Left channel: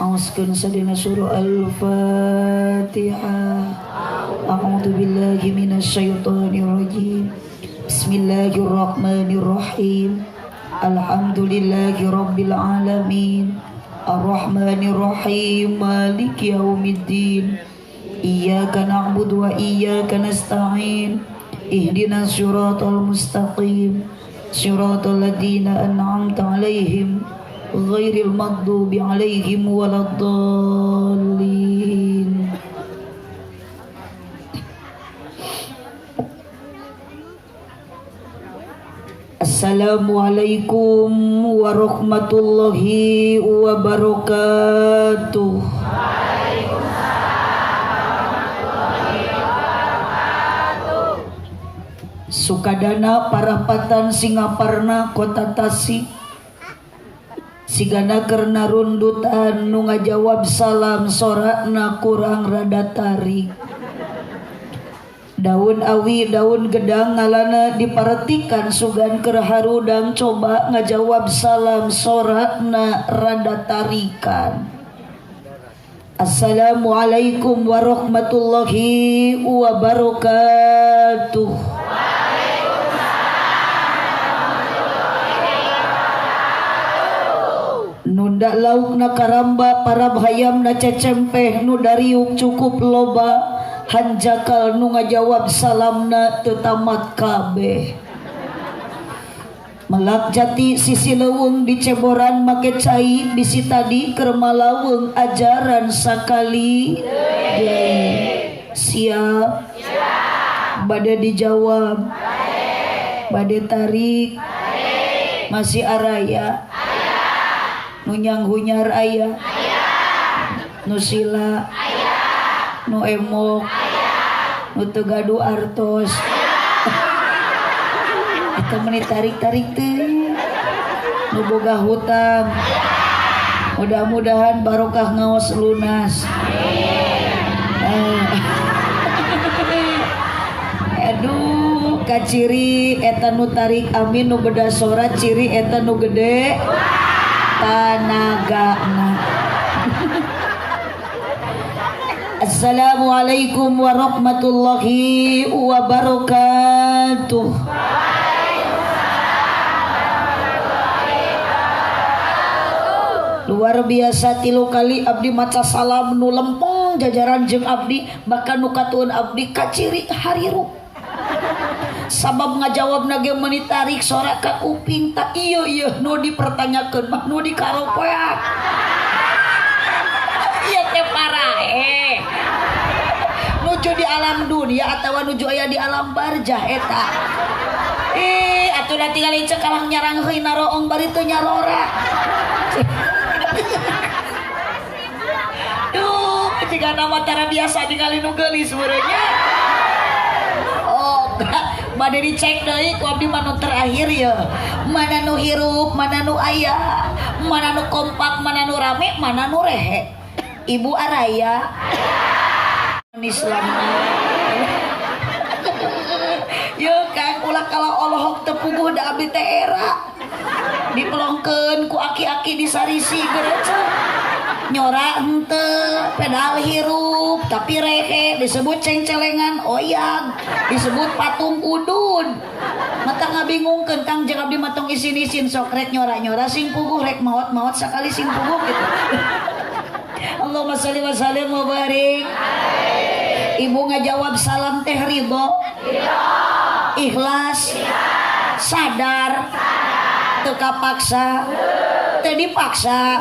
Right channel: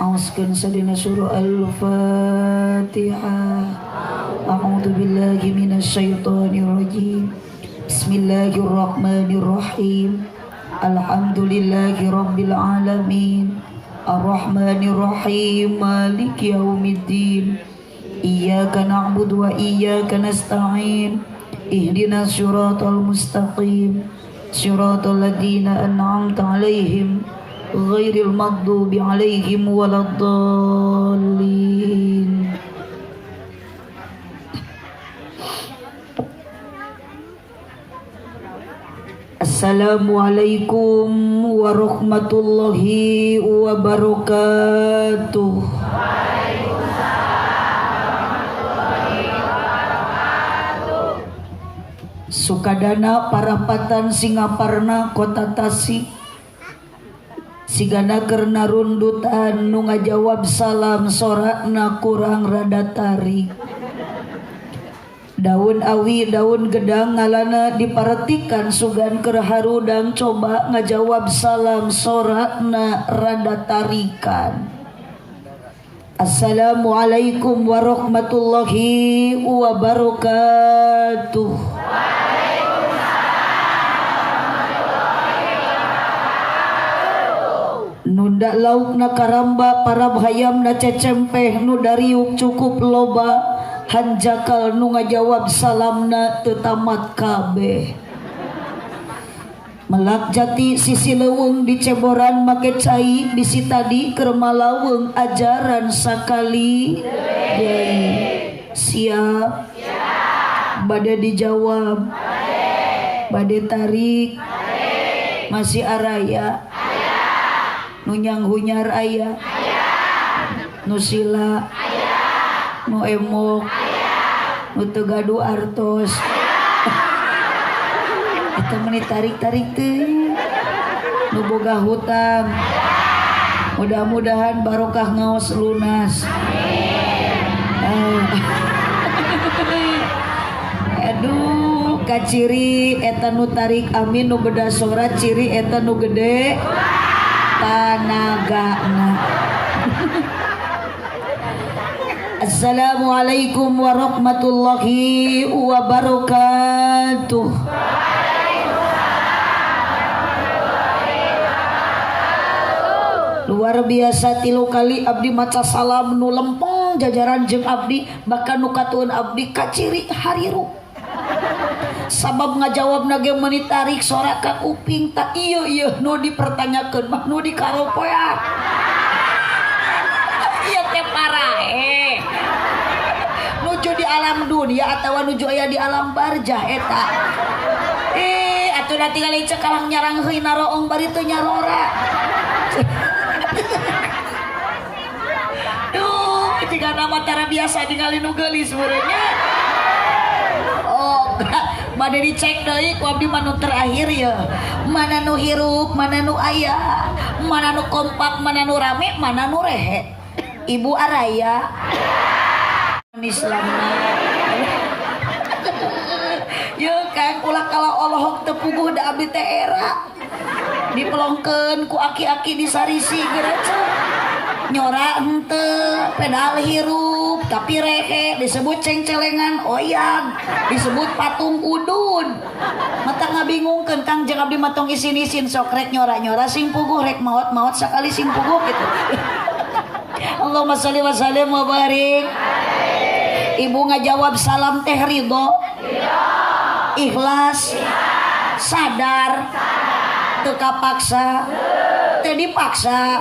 Auskan sadina surah Al-Fatihah. A'udzu billahi minasyaitonir rajim. Bismillahirrahmanirrahim. Alhamdulillahi rabbil alamin. Ar-Rahmanir Rahim. Maliki yaumiddin. Iyyaka na'budu wa iyyaka nasta'in. Ihdinas siratal mustaqim. Siratal ladzina an'amta 'alaihim ghairil maghdubi 'alaihim waladdallin. Assalamualaikum warahmatullahi wabarakatuh. Sukadana parapatan Singaparna kota Tasik sigana kerna rundutan nu ngajawab salam sorakna kurang rada tarik. Daun awi daun gedang ngalana diperhatikan sugan kerharudang coba ngajawab salam sorakna rada tarikan. Assalamualaikum warahmatullahi wabarakatuh. Nunda lauk na karamba para hayam na cecempeh nu dariuk cukup loba hanjakal nu ngajawab salamna tetamat kabeh. Melak jati sisi leuweung diceboran make cai bisi tadi keur malaweng ajaran sakali siap bade dijawab bade tarik masih araya nu nyanghunyar aya nu sila nu emok nu teu gaduh artos kita menit tarik-tarik teh nu boga hutang mudah-mudahan barokah ngaos lunas aduh kaciri eta nu tarik amin nu beda sorat ciri eta nu gede tanagana. Assalamualaikum warahmatullahi wabarakatuh. Luar biasa tilu kali abdi maca salam nu lempeng jajaran jeung abdi bahkan nu katueun abdi kaciri hariru. Sabab ngajawab nage menit tarik sorak ka kuping tak iya nu dipertanyakeun mah nu dikaropoean. Ieu teh parahe. Nuju di alam dunia atawa nuju aya di alam barzah eta. Atuh da tinggal cek kalang nyarang heui naroong bari teu nyarora. Duh, jika nama tara biasa ningali nu geulis meureunnya. Oh, bade dicek deui ku abdi mah nu terakhir ya. Mana nu hirup, mana nu aya, mana nu kompak, mana nu rame, mana nu rehe. Ibu Araya Islamna. Yo Kang ulah kala Allahok teu puguh da abdi teh era. Dipelongkeun ku aki-aki di sarisi geureuh. Nyora henteu pedal hirup tapi rehe disebut cengcelengan oyag disebut patung udun mata ngabingungkeun Kang jeung abdi matong isin-isin sok rek nyora-nyora sing puguh rek maot-maot sakali sing puguh gitu. Allahumma shalli wa sallim wa barik. Ibu ngajawab salam teh ridho ikhlas sadar teu kapaksa teu dipaksa.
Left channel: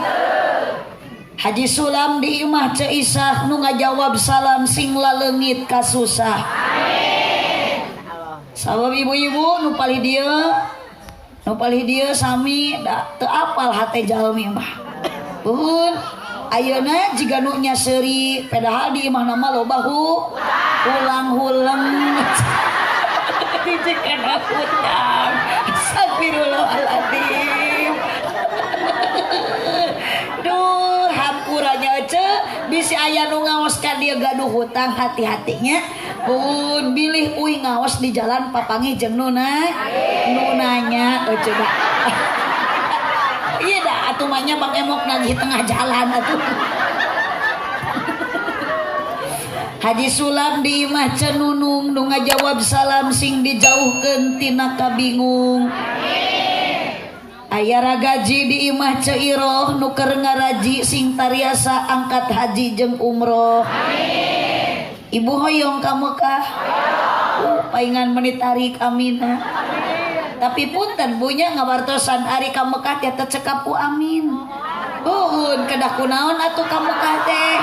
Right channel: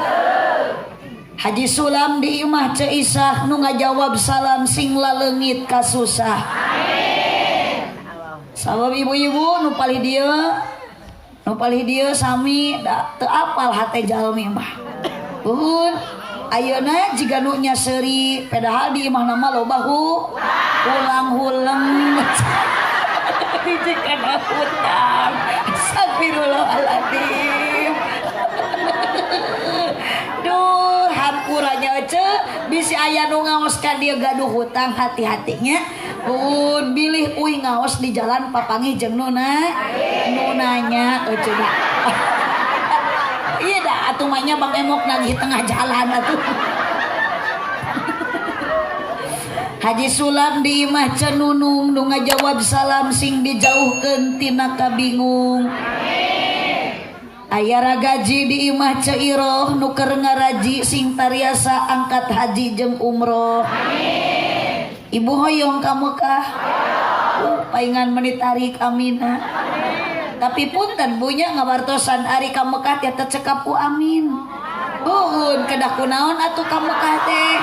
Haji Sulam di imah Ceisah nu ngajawab salam sing laleungit ka susah. Amin. Sabab ibu-ibu nu palih dieu sami da teu apal hate jalmi mah. Uhun ayeuna jiga nu nya seuri padahal di imah nama loba ulang-ulang. Dijekan hutang. Astagfirullahaladzim. Duh hampurannya aja bisi aya nu ngaos ka dieu gaduh hutang hati-hatinya pun bilih uing ngaos di jalan papangi jeung nunanya coba iya lah atuh mahnya Bang Emok nagih tengah jalan atuh. Haji Sulam di imah cenunung nu ngajawab salam sing dijauhkeun tina kabingung. Aya ragaji di imah Ceiroh nu keur ngaraji sing tariasa angkat haji jeung umroh. Ibu hoyong ka Mekah. Paingan menit tarik amina. Tapi punten bunya ngawartosan ari ka Mekah teh cekap ku amin. Nuhun kedah kunaon atuh ka Mekah teh.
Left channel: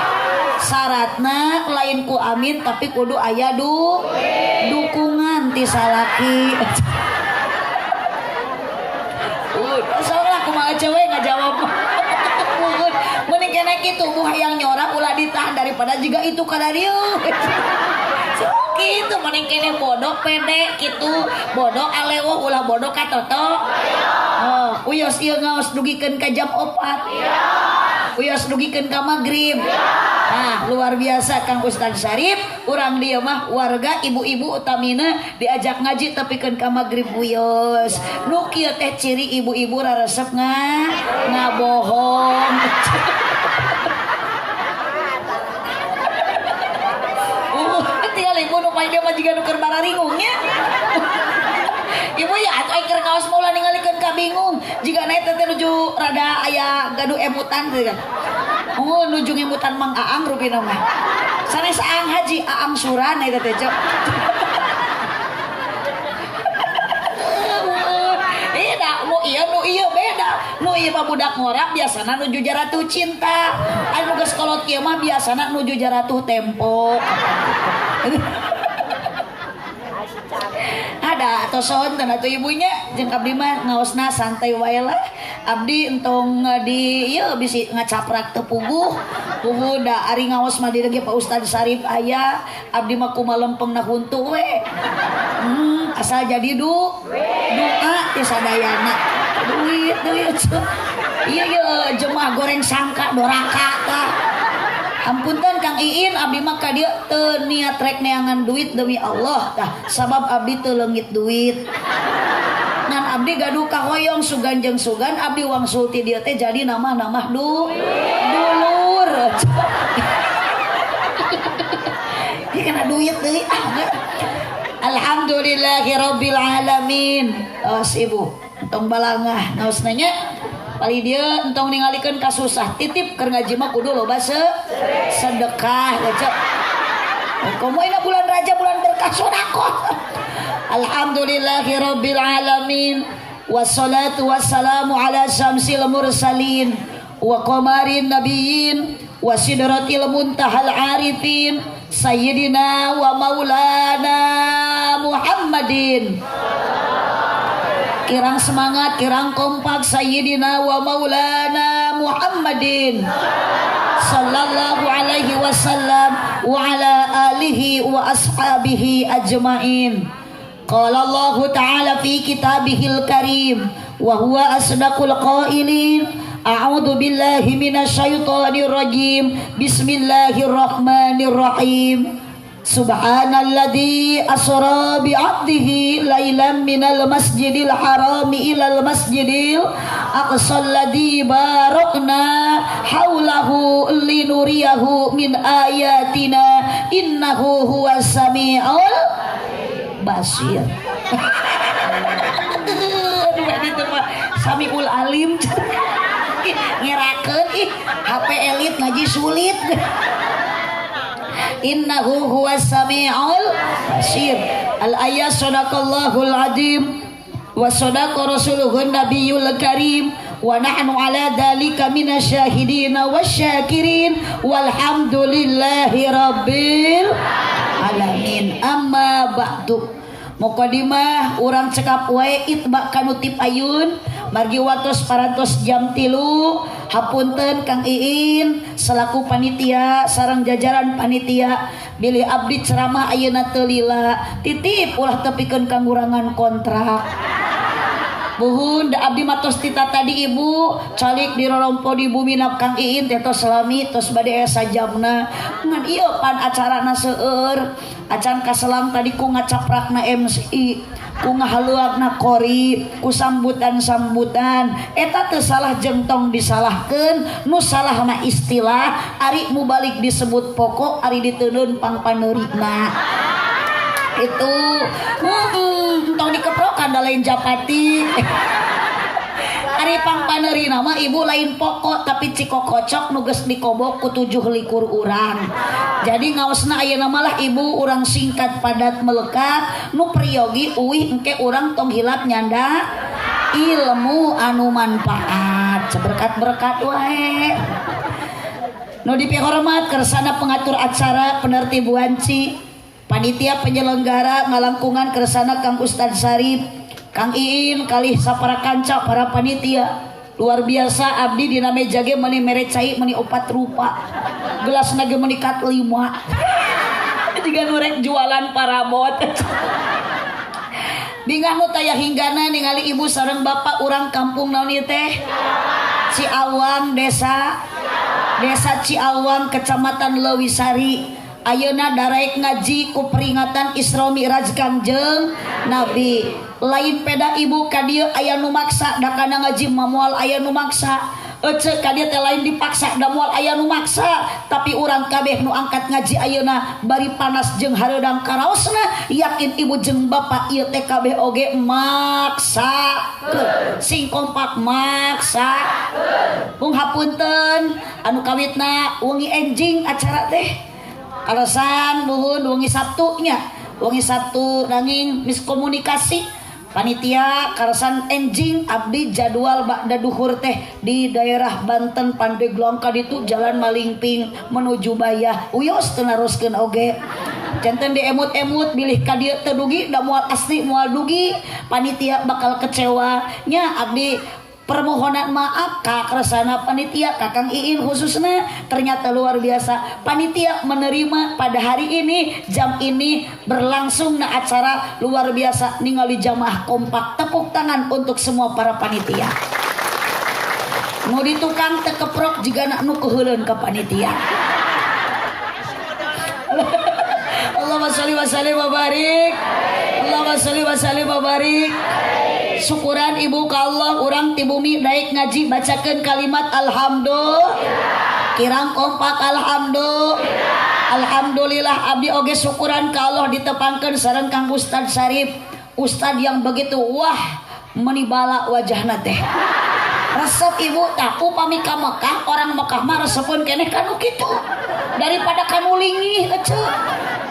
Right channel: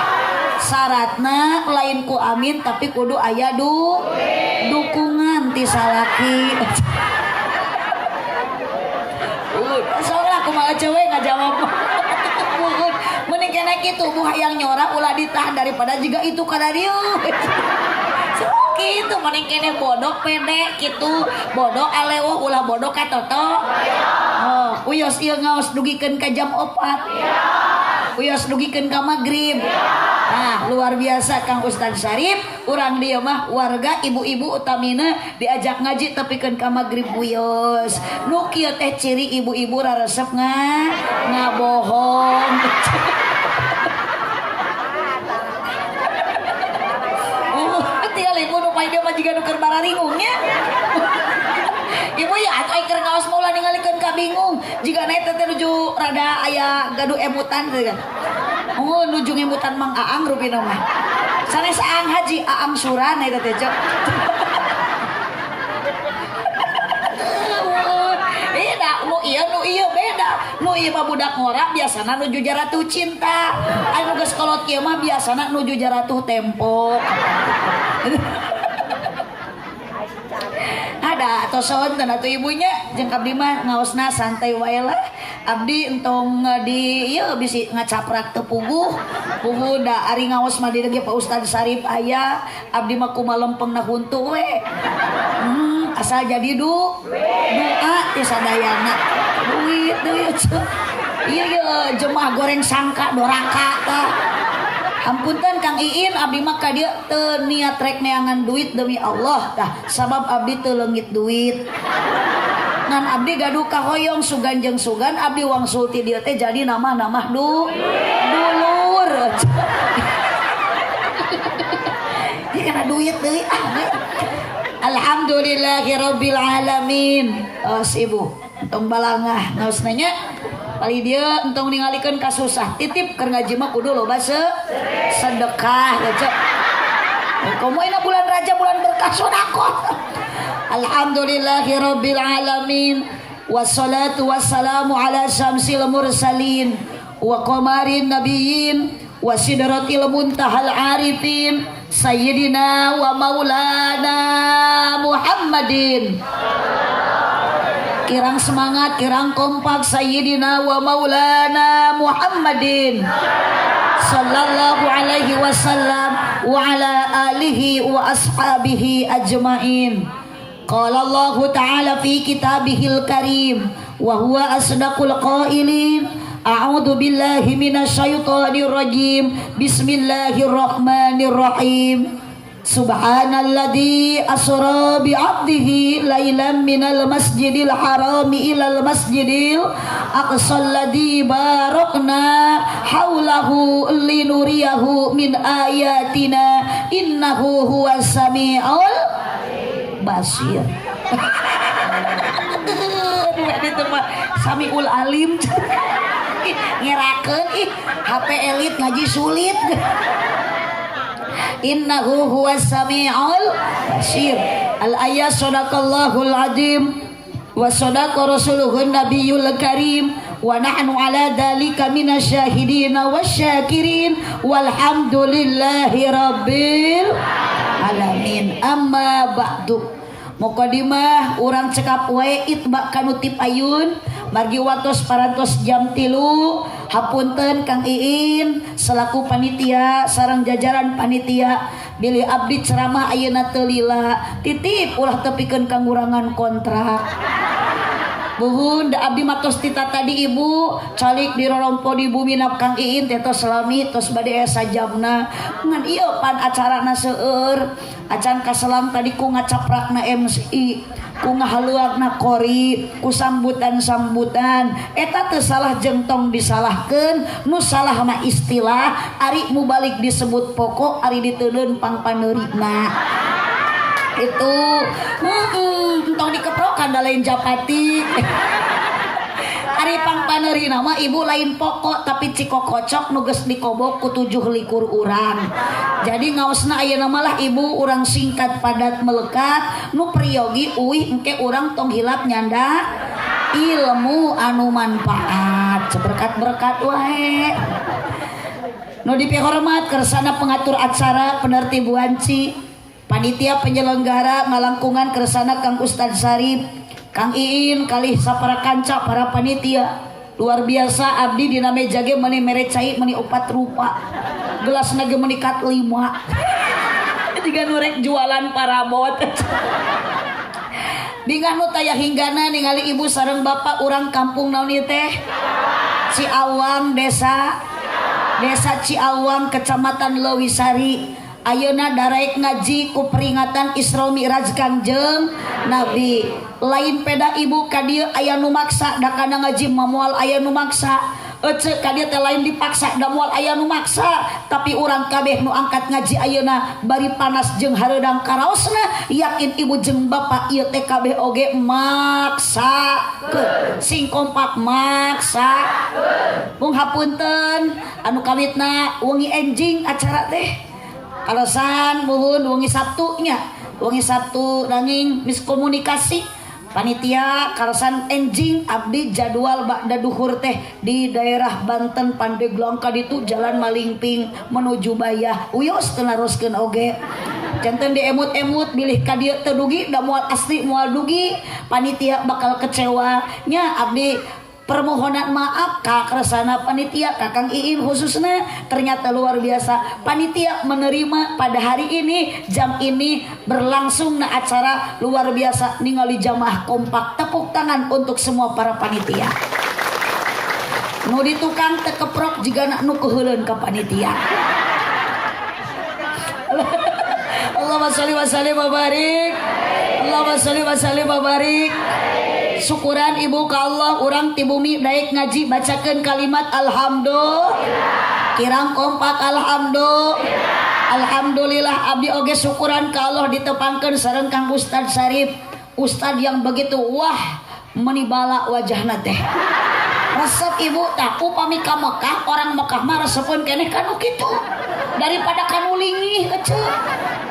Syaratna lain ku amin tapi kudu aya dukungan ti salaki. Soalnya aku malah cewek ngajawab. Mending kena kitu bu hayang nyorak ulah ditahan daripada juga itu kada dieu. So gitu mending kena bodoh pede kitu bodoh alewah ulah bodoh ka toto. Oh, uyos ieu ngaos dugikeun ka jam 4. Uyos dugikeun ka magrib. Nah, luar biasa Kang Ustaz Syarif, urang dia mah warga ibu-ibu utamina diajak ngaji tepikeun ka magrib buyos. Nu kieu teh ciri ibu-ibu raresep ngabohong. Tinggal ibu nu pae dia mah jiga nu keur bararingungnya. Ibu ya atuh ai keur ngaos mah ulah ningalikeun ka bingung. Jiga naik teh nuju rada aya gaduh emutan teh kan. Oh, nuju ngemutan Mang Aang rupina mah. Sanes Aang Haji, Aang Suran eta teh, Cok. Nu ieu beda. Nu ieu mah budak ngora biasana nuju jaratuh cinta. Anu geus kolot kieu mah biasana nuju jaratuh tempo. Ada atau sonten atau ibunya jeung abdi mah ngaosna santai wae lah. Abdi entong di ieu bisi ngacaprak teu puguh da ari ngaos mah di lagi Pak Ustaz Syarif aya abdi mah kumaha lempengna huntu we. Asal jadi doa teh sadayana. Duit. Iya jemaah goreng sangka doraka tah. Ampunten Kang Iin abdi mah ka dieu teu niat rek neangan duit demi Allah tah sabab abdi teu leungit duit. Ngan abdi gaduh kahoyong sugan jeung sugan abdi wangsul ti dieu teh jadi namah-namah dulur. Ieu kana duit deui Alhamdulillahirabbil alamin. Ibu entong balangah ngaosna nya pali dia entong ningalikeun ka susah titip keur ngaji mah kudu loba sedekah ya Cek. Komo ina bulan Rajab bulan berkah sedekah. Alhamdulillahirabbil alamin wassalatu wassalamu ala syamsil mursalin wa qamarin nabiyyin wa sidratil muntahal arifin sayyidina wa maulana Muhammadin. Kirang semangat, kirang kompak sayyidina wa maulana Muhammadin sallallahu alaihi wasallam wa ala alihi wa ashabihi ajmain. Qala Allah ta'ala fi kitabihil karim wa huwa asdaqul qailin. A'udzu billahi minasyaitonir rajim. Bismillahirrahmanirrahim. Subhanalladzi asra bi 'abdihi lailan minal masjidil harami ilal masjidil aqsal ladzi barakna haulahu linuriyahu min ayatina innahu huwas samiul basir. Itu mah Samiul Alim. Ngerakeun HP elit ngaji sulit. Innahu huwas samiul basir. Al ayat sadaqallahul azim wa sadaqa rasuluhun nabiyul karim wa nahnu ala dzalika minasyahidin wasyakirin walhamdulillahi rabbil alamin. Amma ba'du. Muqaddimah urang cekap wae itba kanutip ayun margi watos parantos jam 3. Hapunten Kang Iin selaku panitia sareng jajaran panitia bilih abdi ceramah ayeuna teu lila titip ulah tepikeun kangurangan kontrak. Buhun da abdi matos tita tadi ibu calik di rorompo di bumi nap Kang Iin teh tos salami tos bade esa jamna ngan ieu pan acarana seueur acan kaselang tadi ku ngacaprakna MC ku ngahaluagna kori ku sambutan-sambutan eta teu salah jengtong disalahkeun nu salah mah istilah ari mubalik disebut pokok ari diteunun pangpaneurina itu tong dikeprokan da lain japati ari pangpaneurina mah ibu lain pokok tapi cikokocok nu geus dikobok ku 7 likur urang. Jadi ngaosna ayeuna malah ibu urang singkat padat melekat nu priyogi uih engke urang tong hilap nyanda ilmu anu manfaat seberkat-berkat wae. Nu dipihormat kersana pengatur acara penertib wanci panitia penyelenggara ngalangkungan kersana Kang Ustad Sarip Kang Iin kalih sapara kanca para panitia luar biasa abdi dina meja ge meuni mere cai meuni 4 rupa gelasna ge meuni kat 5 diga nurek jualan parabot dingah nu taya hinggana ningali ibu sareng bapak urang kampung naon ieu teh Ciawang desa Ciawang kecamatan Lewisari ayeuna daraek ngaji ku peringatan Isra Mi'raj Kangjeng Nabi lain peda ibu ka dieu aya nu maksa da kana ngaji moal aya nu maksa ece ka dieu teh lain dipaksa da moal aya nu maksa tapi urang kabeh nu angkat ngaji ayeuna bari panas jeung hareudang karaosna yakin ibu jeung bapak ieu teh kabeh oge maksa sing kompak maksa mung hapunten anu kawitna wengi enjing acara teh alasan nuhun wengi Sabtu nanging miskomunikasi panitia karasan enjing abdi jadwal bakda duhur teh di daerah Banten Pandeglang kaditu jalan Malingping menuju Bayah uyos teu naroskeun oge janten diemut-emut bilih ka dieu teu dugi da moal asli moal dugi panitia bakal kecewa nya abdi permohonan maaf ka kersana panitia Kakang Iin khususnya ternyata luar biasa panitia menerima pada hari ini jam ini berlangsung na acara luar biasa ningali jamaah kompak tepuk tangan untuk semua para panitia nu ditukang teu keprok jiga nu keheuleun ka panitia Allahumma sholli wa sallim wa barik Allahumma sholli wa sallim wa barik syukuran ibu ka Allah urang ti bumi daek ngaji bacakeun kalimat alhamdulillah kirang kompak alhamdulillah abdi oge syukuran ka Allah ditepangkeun sareng Kang Ustad Sarip Ustad yang begitu wah menibala wajahna teh resep ibu tah upami ka Mekah orang Mekah mah resepeun keneh kanu kitu daripada kanu lingih ece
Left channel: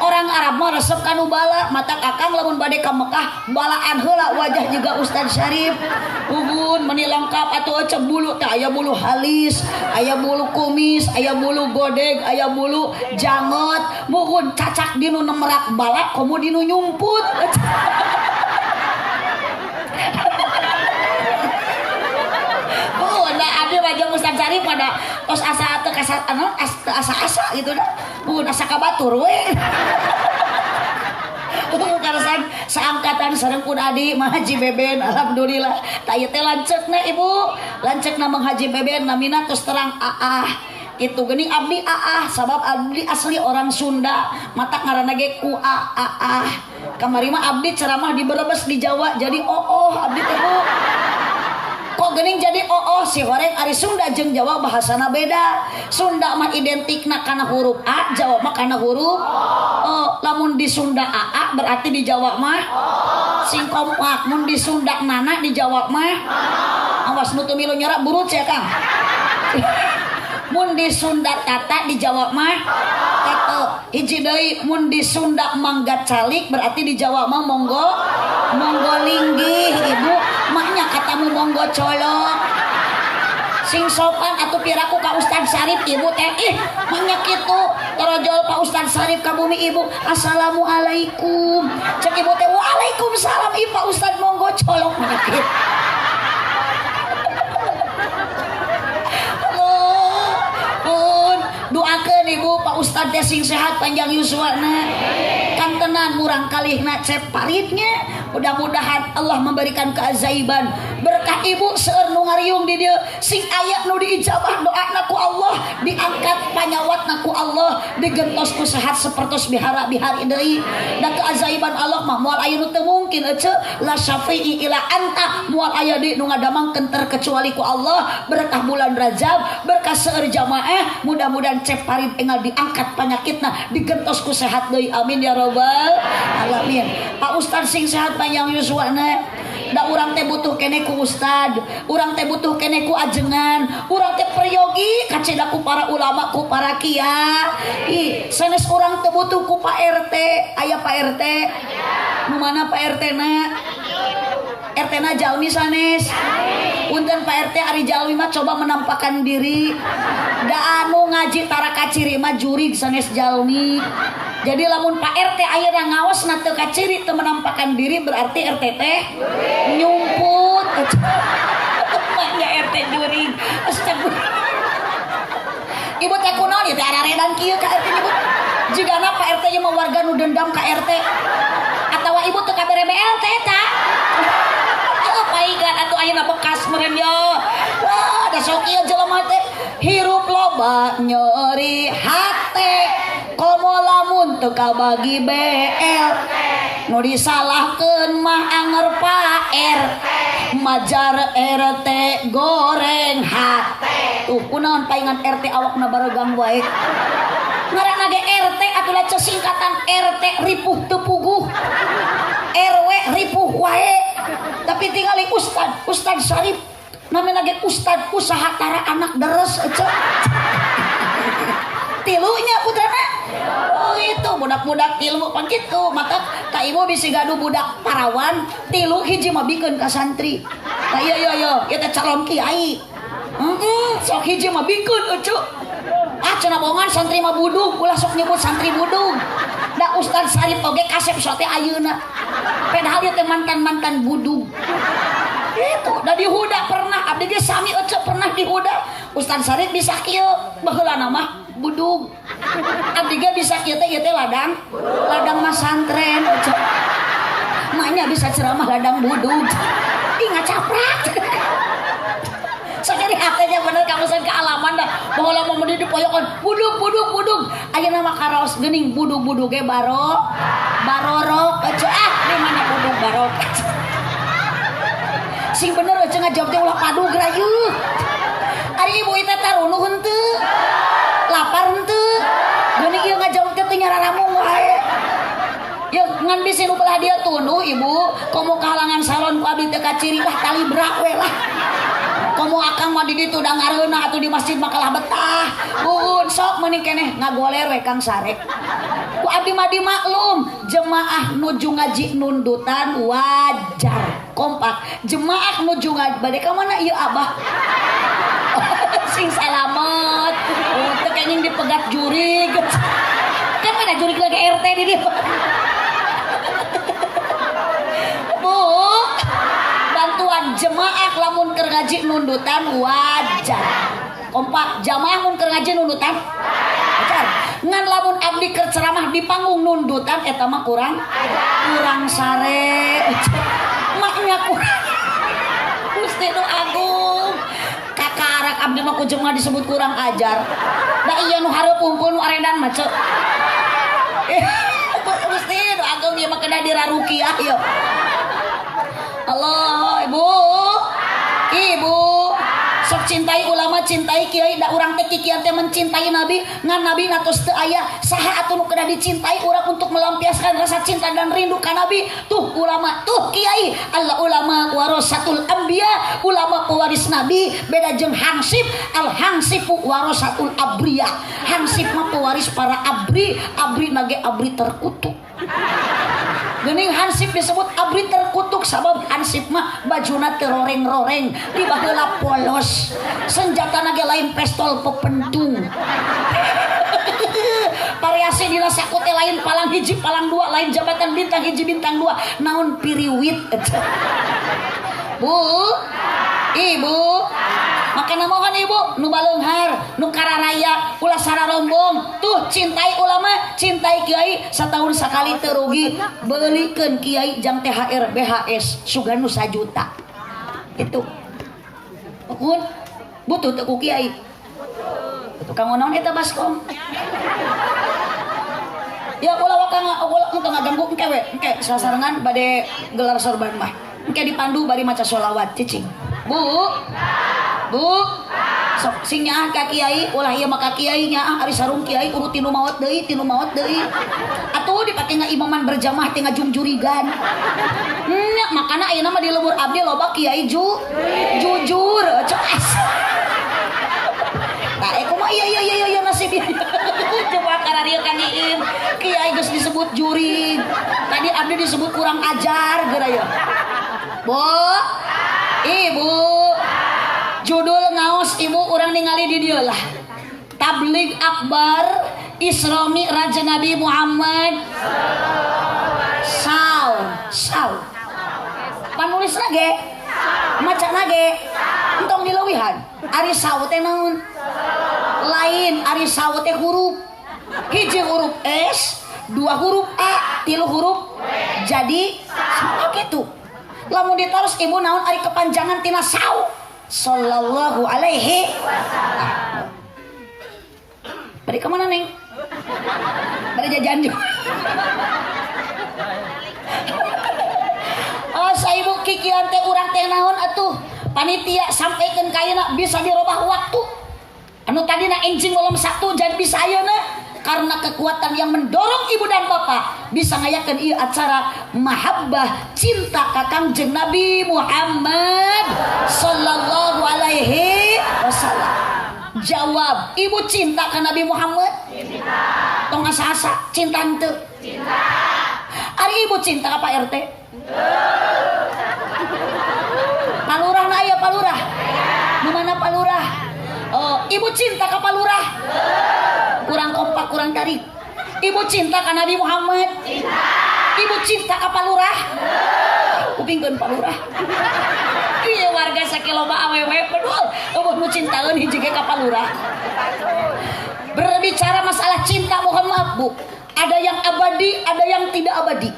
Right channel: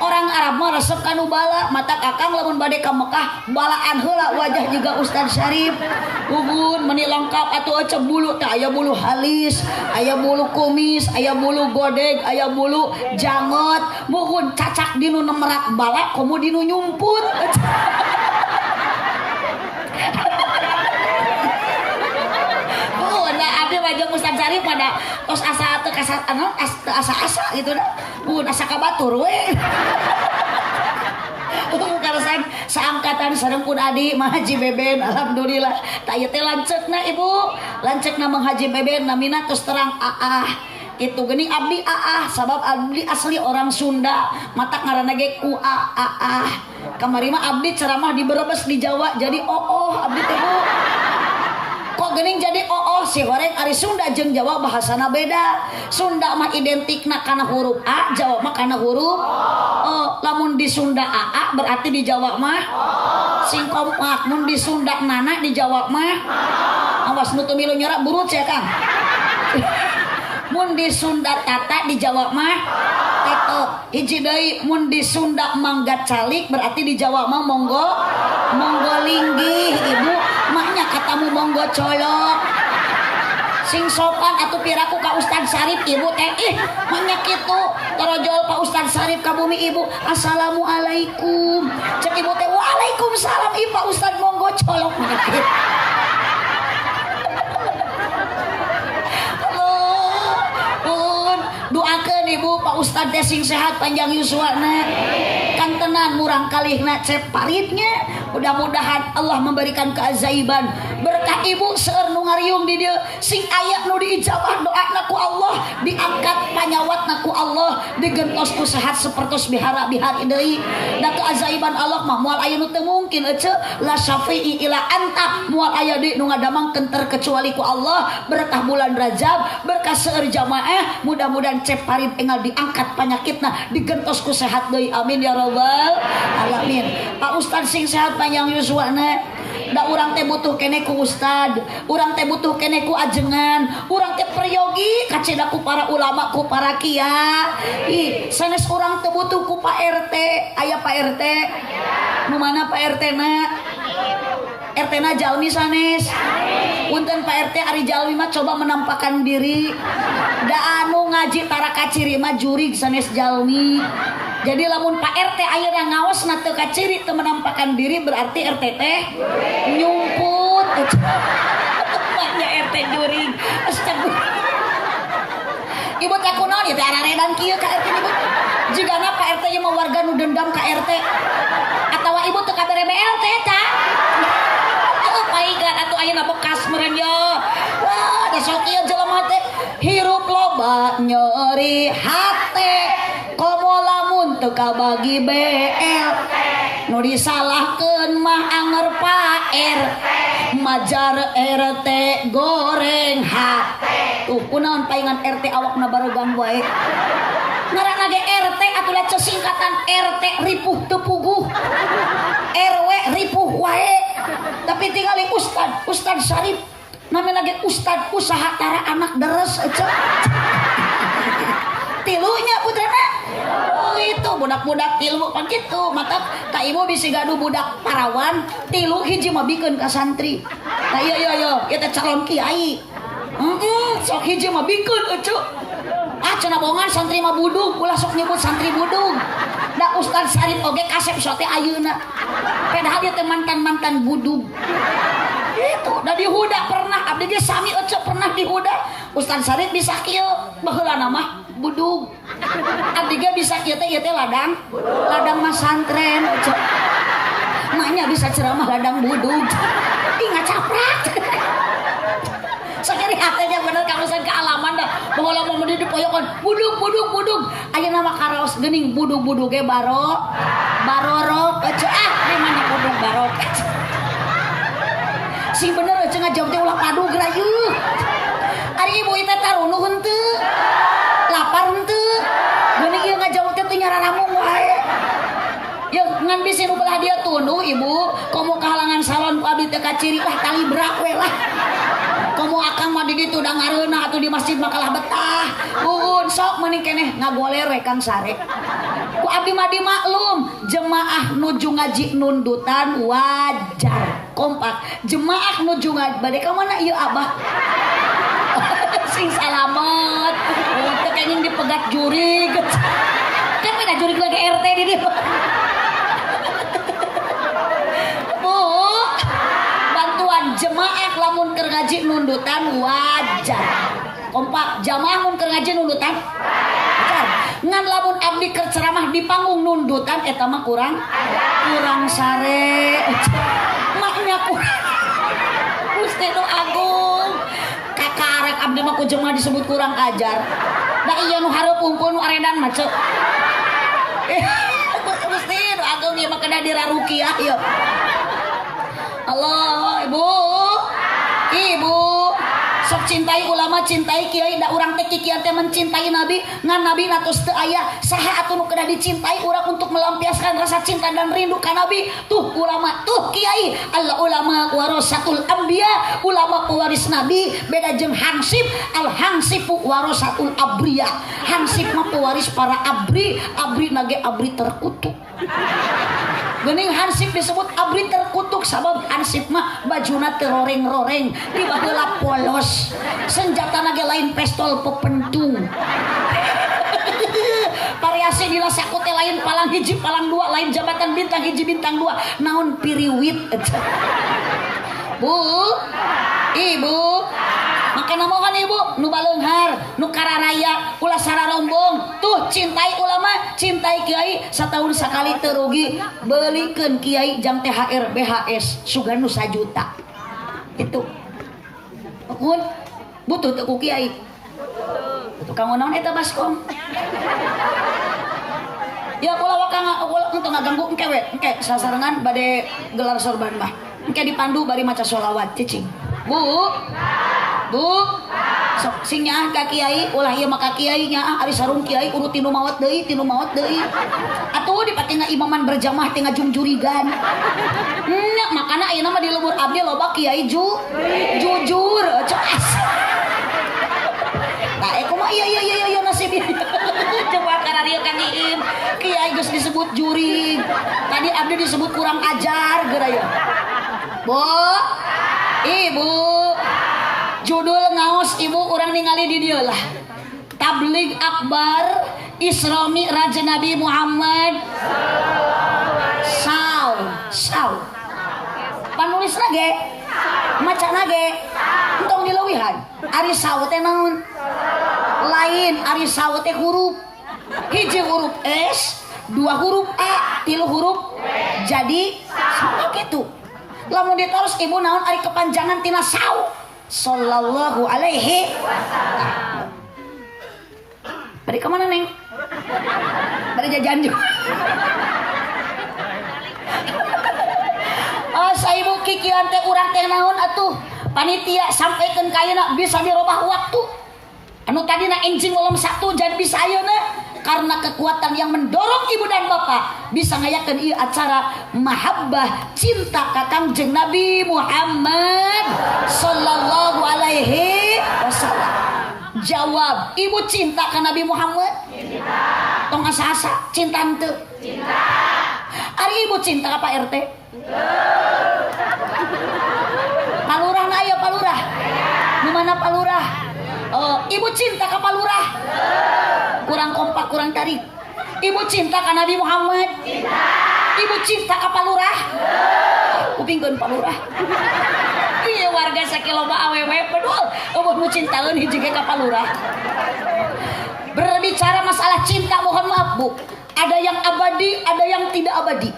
orang Arab mah resep kanu bala mata kakang lamun bade ka Mekah balaan heula wajah juga Ustad Syarif ugun meuni lengkap atuh ece bulu teh aya bulu halis aya bulu kumis aya bulu godeg aya bulu jangot muhun cacak dinu nemerak bala komo dinu nyumput aja Ustad Syarif pada tos asa teu asa gitu dah asa kabatur we karasan saangkatan sareng pun adi Mah Haji Beben alhamdulillah ta ieu teh lanceukna ibu lanceukna Mah Haji Beben namina tos terang itu geuning abdi sabab abdi asli orang Sunda mata ngaranna ge ku kamari mah abdi ceramah di Brebes di Jawa jadi abdi teh bu kok geuning jadi si goreng ari Sunda jeung Jawa bahasana beda Sunda mah identikna kana huruf A Jawa mah kana huruf lamun di Sunda AA berarti di Jawa mah sing kompak mun di Sunda nana di Jawa mah awas nu teu milu nyerap burut ya Kang mun di Sunda tata di Jawa mah tato hiji deui mun di Sunda mangga calik berarti di Jawa mah monggo linggih ibu maknya katamu monggo colok sing sopan atuh piraku ka Ustad Syarif ibu teh maknya kitu torojol Pak Ustad Syarif ka bumi ibu assalamualaikum cek ibu teh waalaikumsalam Pak Ustad monggo colok gitu. Doakeun ibu Pak Ustad teh sing sehat panjang yuswana kan tenan murang kalihna cep paritnya mudah-mudahan Allah memberikan keajaiban berkah ibu seueur nu ngariung di dieu sing aya nu diijabah doana ku Allah diangkat panyawat sehat naku Allah digentosku sehat sepertos bihara-bihari deui da keajaiban Allah mah moal aya nu teu mungkin ece la syafi'i ila anta moal aya deui nu ngadamangkeun terkecuali ku Allah berkah bulan Rajab berkah seueur jamaah mudah-mudahan cep parit enggal diangkat penyakitna digentosku sehat deui amin ya rabbal alamin. Pak Ustad sing sehat panjang yuswana da urang teh butuh kene ku ustad, urang teh butuh kene ku ajengan, urang teh peryogi kaceda ku para ulama ku para kia. Ih, sanes urang teh butuh ku Pak RT, aya Pak RT. Nu mana Pak RT na? RT na jalmi sanes. Punten Pak RT ari jalmi mah coba menampakkan diri. Da anu ngaji tara kaciri mah jurig sanes jalmi. Jadi lamun Pak RT ayeuna ngaos na teu kaciri teu menampakkan diri berarti RT teh nyumput. Maknya RT juring. Astagfirullah. Ibu teh kunaon ieu teh araredan kieu ka RT ibu. Jigana Pak RT nya mah warga nu dendam ka RT. Atawa ibu teu kabere BLT ta. Paigan atuh ayeuna bekas meureun yo. Wah, da sok ieu jelema teh hirup loba nyeri hate. Komo lamun teu kabagi BL nu disalahkeun mah anger Pak RT majar RT goreng hate. Tuh kunaon paingan RT awakna baregang wae. Ngaranna ge RT atuh leceh singkatan RT ripuh teu puguh. RW ripuh wae. Tapi tinggali Ustad Syarif namanya lagi Ustad usaha tara anak deres ece. Tilunya putrana. Oh itu budak-budak tilu pan kitu mata ka ibu bisi gaduh budak parawan tilu hiji mah bikeun ka santri. Nah iya ieu teh calon kiai. Sok hiji mah bikeun ece. Cenah bohongan santri mah budug ulah sok nyebut santri budug. Da Ustaz Syarif oge kasep sote ayeuna. Padahal ieu teh mantan-mantan budug. Itu da dihuda pernah abdi ge sami ece pernah dihuda. Ustaz Syarif bisa kieu baheula mah budug. Abdi ge bisa kieu teh ladang masantren ece. Maknya bisa ceramah ladang budug. Ih ngacaprak. Sakari hatenya bener kamusan kealaman dah. Baheula mau di poyokan budug. Ayeuna mah karaos geuning budug ge barorok ece di mana budug barok. Sing bener ece ngajawab teh ulah padug rayu. Ari ibu eta tarunuh henteu. Lapar henteu. Geuning ieu ngajawab teh teu nyararamung wae. Ya ngan bisi nu belah dia tunduh ibu, komo kahalangan salon ku abdi teh kaciri lah tali brak we lah. Komo akang mah di ditu da ngareuna atuh di masjid mah kalah betah. Buun sok meuning keneh ngagoler we Kang Sarek. Ku abdi mah dimaklum, jemaah nuju ngaji nundutan wajar. Kompak. Jemaah nuju ngaji bade ka mana ieu Abah? Sing salamet. Oh teu kenging dipegat jurig. Kan mana jurig lagi RT di dieu. Bu, bantuan jemaah lamun keur ngaji nundutan wajar. Kompak jamaah mun keur ngaji nundutan wajar. Ngan lamun abdi keur ceramah di panggung nundutan eta mah kurang sare. Maknya kurang. Gusti nu agung. Kakarek abdi mah ku jemaah disebut kurang ajar. Da ieu nu hareup unggul nu aredan mah ceuk. Gusti nu agung ieu mah kena dirarukiah ieu. Allah, ibu sok cintai ulama cintai kiai da urang teh kikian teh mencintai nabi ngan nabi natos teu aya saha atuh nu kena dicintai urang untuk melampiaskan rasa cinta dan rindu ka nabi tuh ulama tuh kiai al ulama warasatul anbiya ulama pewaris nabi beda jeung hansip al hansifu warasatul abriyah hansip mah pewaris para abri nage abri terkutuk. Geuning hansip disebut abri terkutuk sabab hansip mah bajuna teu roreng-roreng tiba heula polos senjatana ge lain pistol pepentung. Variasi dina saku teh lain palang hiji palang dua lain jabatan bintang hiji bintang dua naon piriwit. Bu, ibu makana mohon ibu nu baleunghar nu kararaya ulah sararombong tuh cintai ulama cintai kiai satahun sakali teu rugi beulikeun kiai jang THR BHS suganu 1 juta itu pun butuh teu ku kiai Tukang naon eta baskom? Ya ulah wakang untuk ngaganggu engke we, engke sasarengan bade gelar sorban mah. Engke dipandu bari maca sholawat cicing. Bu. Sok sing nyaah ka kiai, ulah ieu mah ka kiai nyaah ari sarung kiai urut tinu maot deui. Atuh dipake ngaimaman berjamaah teh ngajungjurigan. Nya makana ayeuna mah di leuwur abdi loba kiai jujur. Nah, kumaha iya nasib ieu. Coba kararieu Kang Iin. Kiai geus disebut jurig. Tadi abdi disebut kurang ajar geura ya. Bu. Ibu. Judul ngaos ibu urang ningali di dieu lah. Tabligh Akbar Isra Mi'raj Nabi Muhammad Saw. Panulisna ge macana ge entong dileuwihan. Ari saw teh naon? Lain ari saw teh huruf. Hiji huruf S, dua huruf A, tilu huruf jadi sama gitu. Lamun ditaros ibu naon ari kepanjangan tina saw. Sallallahu alaihi wasallam. Bari kemana neng? Bari jajan juga. Saibu kikian teh urang teh naon atuh? Panitia sampaikan ka ayeuna bisa dirobah waktu. Anu tadina enjing ulam 1 jadi bisa ayeuna karena kekuatan yang mendorong ibu dan bapak bisa ngayakeun ieu acara mahabbah cinta ka Kangjeng Nabi Muhammad sallallahu alaihi wasallam. Jawab, ibu cinta ka Nabi Muhammad? Cinta. Tong asa-asa cinta henteu? Cinta. Ari ibu cinta ka Pak RT? Palurah na aya palurah. Di mana palurah? Oh, ibu cinta ka palurah? Kurang kompak, kurang tarik. Ibu cinta ka Nabi Muhammad? Cinta. Ibu cinta ka palurah? Kupingkeun palurah. Ieu warga sakiloba awewe pedul eueuh nu cintaeun hiji ge ka palurah. Berbicara masalah cinta, mohon maaf Bu, ada yang abadi, ada yang tidak abadi.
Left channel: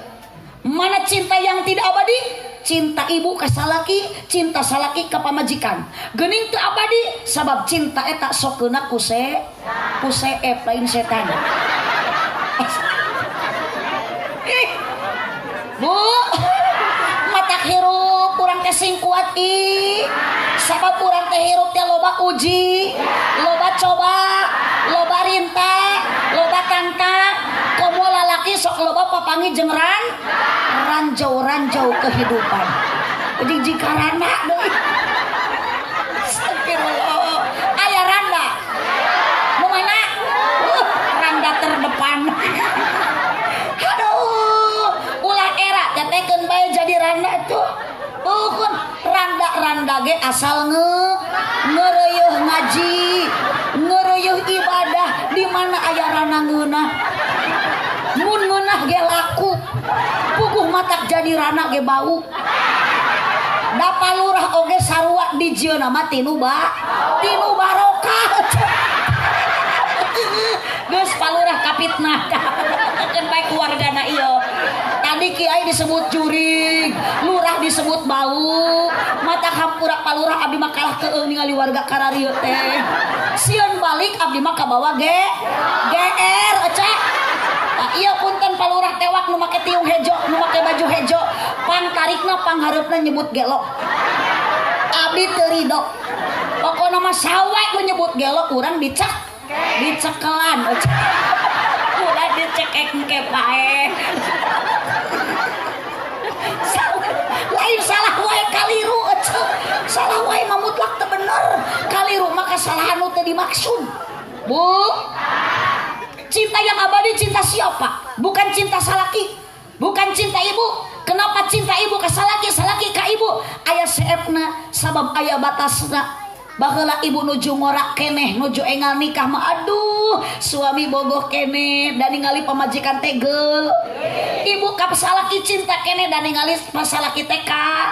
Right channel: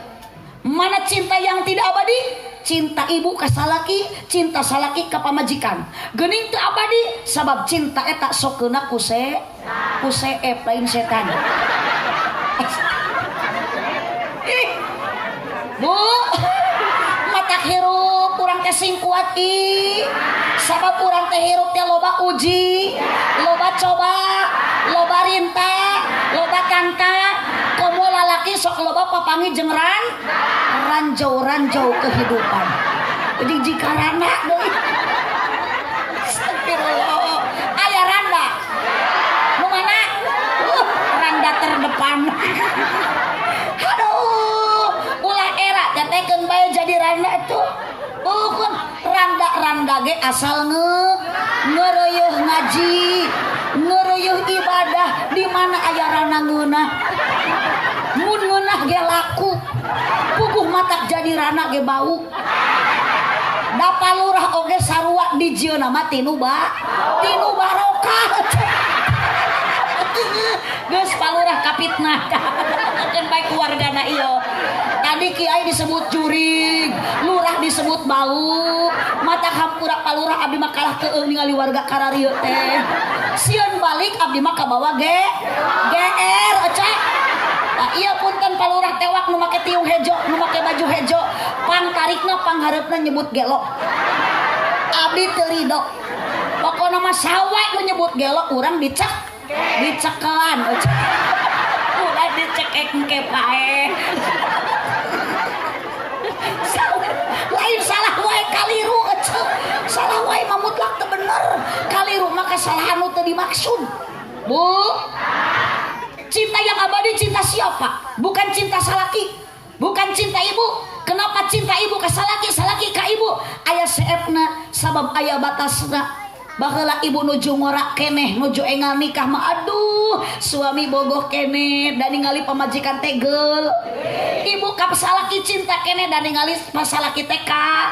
Mana cinta yang tidak abadi? Cinta ibu ka salaki, cinta salaki ka pamajikan. Geuning teu abadi sabab cinta eta sokeuna ku lain setan. Bu, mata hirup urang teh sing kuat sabab urang teh hirup teh loba uji, loba coba, loba rinta, loba tantang. Komo lalaki sok loba papangi jeung ranjau kehidupan. Jadi jikarana deui. Astagfirullah. Aya randa. Nu mana? Randa terdepan. Aduh, ulah era tetekeun bae jadi randa tuh. Bukan randa ge asal ngeureuh ngaji, ngeureuh ibadah di mana aya randa ngeunah. Mun ngeunah ge laku. Puguh matak jadi randa ge bau. Da palurah oge sarua di jieuna mah tinu barokah. Geus palurah kapitnah. Keun bae keluargana ieu. Tadi kiai disebut jurig, lurah disebut bau, mata hampura palurah abdi mah kalah teu ningali warga kararieu teh. Sieun balik abdi mah kabawa GR ecak. Iya punten palurah tewak nu make tiung hejo, nu make baju hejo, pangtarikna panghareupna nyebut gelo. Abdi teu ridho. Pokona mah sawe nu nyebut gelo urang dicekelan. Udah dicekek engke pae. Lain salah wae kaliru ecek. Salah wae mah mutlak teu bener. Kaliru mah kasalahan nu teu dimaksud. Bu. Cinta yang abadi cinta siapa? Bukan cinta salaki, bukan cinta ibu. Kenapa cinta ibu ka salaki, salaki ka ibu? Aya seepna sabab aya batasna. Baheula ibu nuju ngorak keneh, nuju engal nikah mah aduh, suami bogoh keneh dan ningali pamajikan tegel. Ibu ka salaki cinta keneh dan ningali salaki teh ka.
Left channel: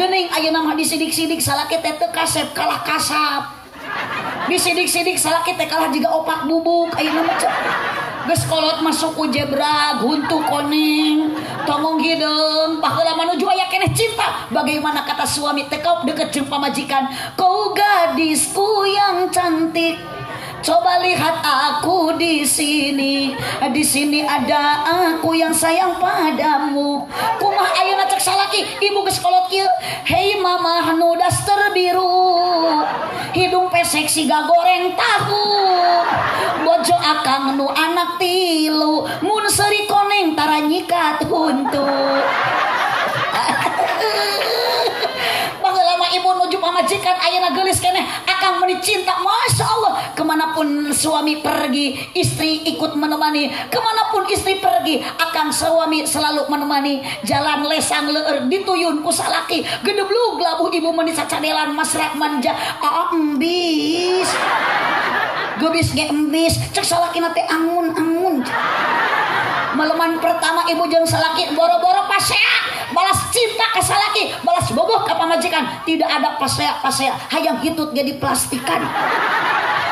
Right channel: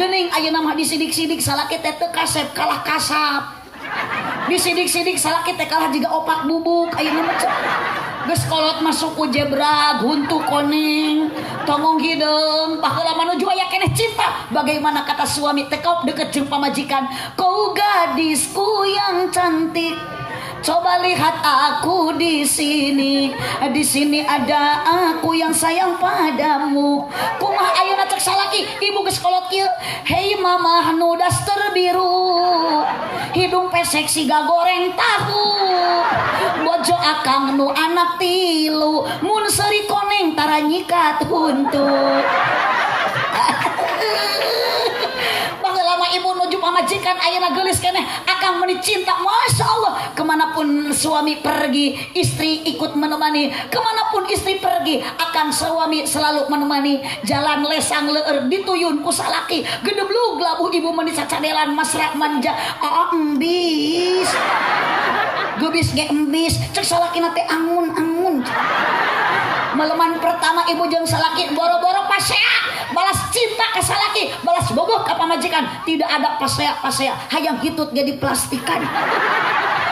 Geuning ayeuna mah disidik-sidik salaki teh teu kasep kalah kasap. Disidik-sidik salaki teh kalah jiga opak bubuk ayeuna mah. geus kolot masuk ku jebrag huntu koning tongong hideung baheula manuju aya keneh cinta bagaimana kata suami tekau deket jeung pamajikan kau gadisku yang cantik coba lihat aku di sini ada aku yang sayang padamu kumaha ayeuna cek salaki ibu geus kolot kieu hei mama nu daster biru hidung pesek siga goreng tahu bojo akang nu anak tilu mun seuri koneng tara nyikat huntut lama ibu nuju pamajikan ayeuna geulis keneh akang meuni cinta masya Allah kemanapun suami pergi istri ikut menemani kemanapun istri pergi akang suami selalu menemani jalan lesang leueur dituyun ku salaki gedeblug labuh ibu meuni sacadelan masrak manja embis gebis ge embis cek salakina teh angun meleman pertama ibu jeung salaki boro-boro pasea balas cinta ke salaki balas boboh ke pamajikan tidak ada pasea hayang hitut jadi plastikan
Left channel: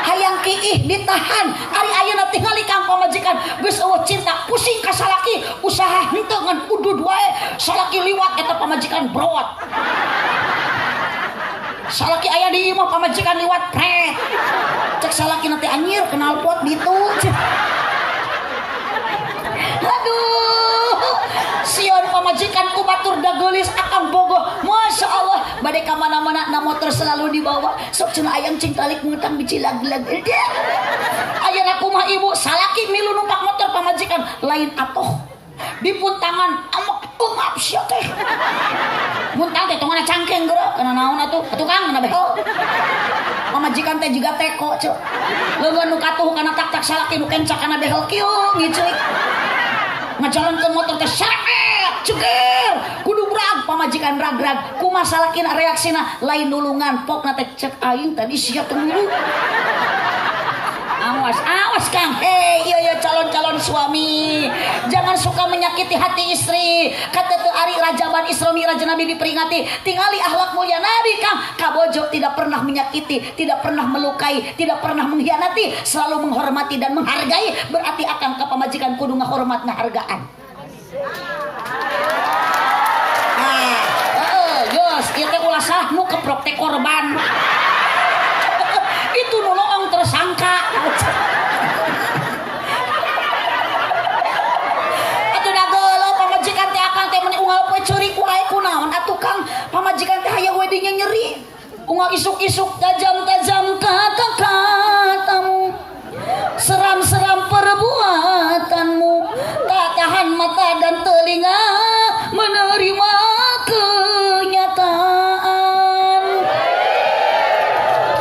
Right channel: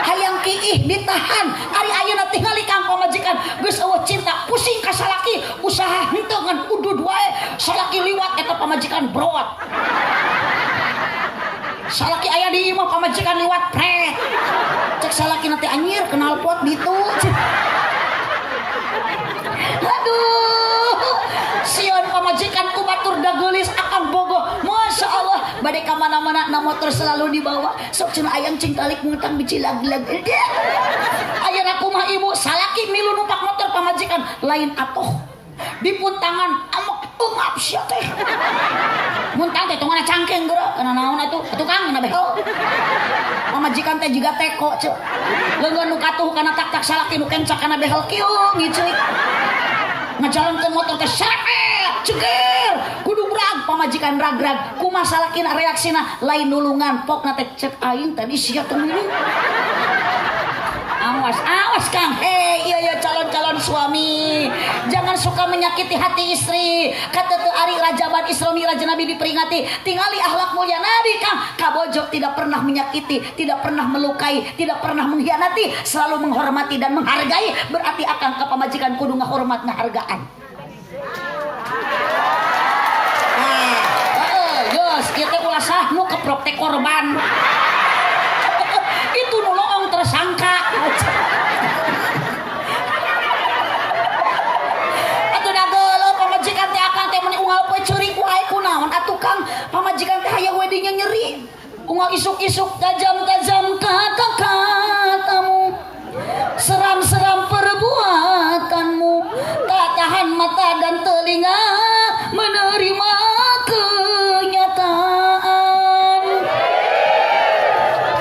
hayang kiih ditahan ari ayeuna tingali kang pamajikan geus eueuh cinta pusing ka salaki usaha henteu ngan udud wae salaki liwat eta pamajikan brot salaki aya di imah pamajikan liwat pre cek salaki nanti anjir kenal pot gitu aduh sion pamajikan ku batur da geulis akang bogoh masya Allah bade ka mana-mana na motor selalu dibawa sok cenah ayang cing talik ngutang biji lag-lag ayeuna kumaha ibu salaki milu numpak motor pamajikan lain atoh dipun tangan amok ungap sia teh mun tang teh tongana cangkeng geura kana naon atuh tukang na beho pamajikan teh jiga teko ce leungeun nu katuh kana tak-tak salaki nu kencak kana behel kieu ngiceuy ngajalankeun motor teh seret ceger kudu brag pamajikan rag-rag kumaha salakina reaksina lain nulungan pokna teh cek aing tadi sia teh nulung awas Kang iya calon-calon suami jangan suka menyakiti hati istri kata teu ari rajaban Isra Mi'raj Nabi diperingati tingali akhlak mulia Nabi Kang kabojo tidak pernah menyakiti tidak pernah melukai tidak pernah mengkhianati selalu menghormati dan menghargai berarti akan ke pamajikan kudu ngahormat ngahargaan geus ieu teh ulah sah nu keprok teh korban itu nolong tersangka atuh dageuleuh pamajikan teh akang teh meuni unggal poe ceurik wae kunaon atuh Kang pamajikan teh aya we dinya nyeri unggal isuk-isuk tajam-tajam kata-katamu seram-seram perbuatanmu tak tahan mata dan telinga menerima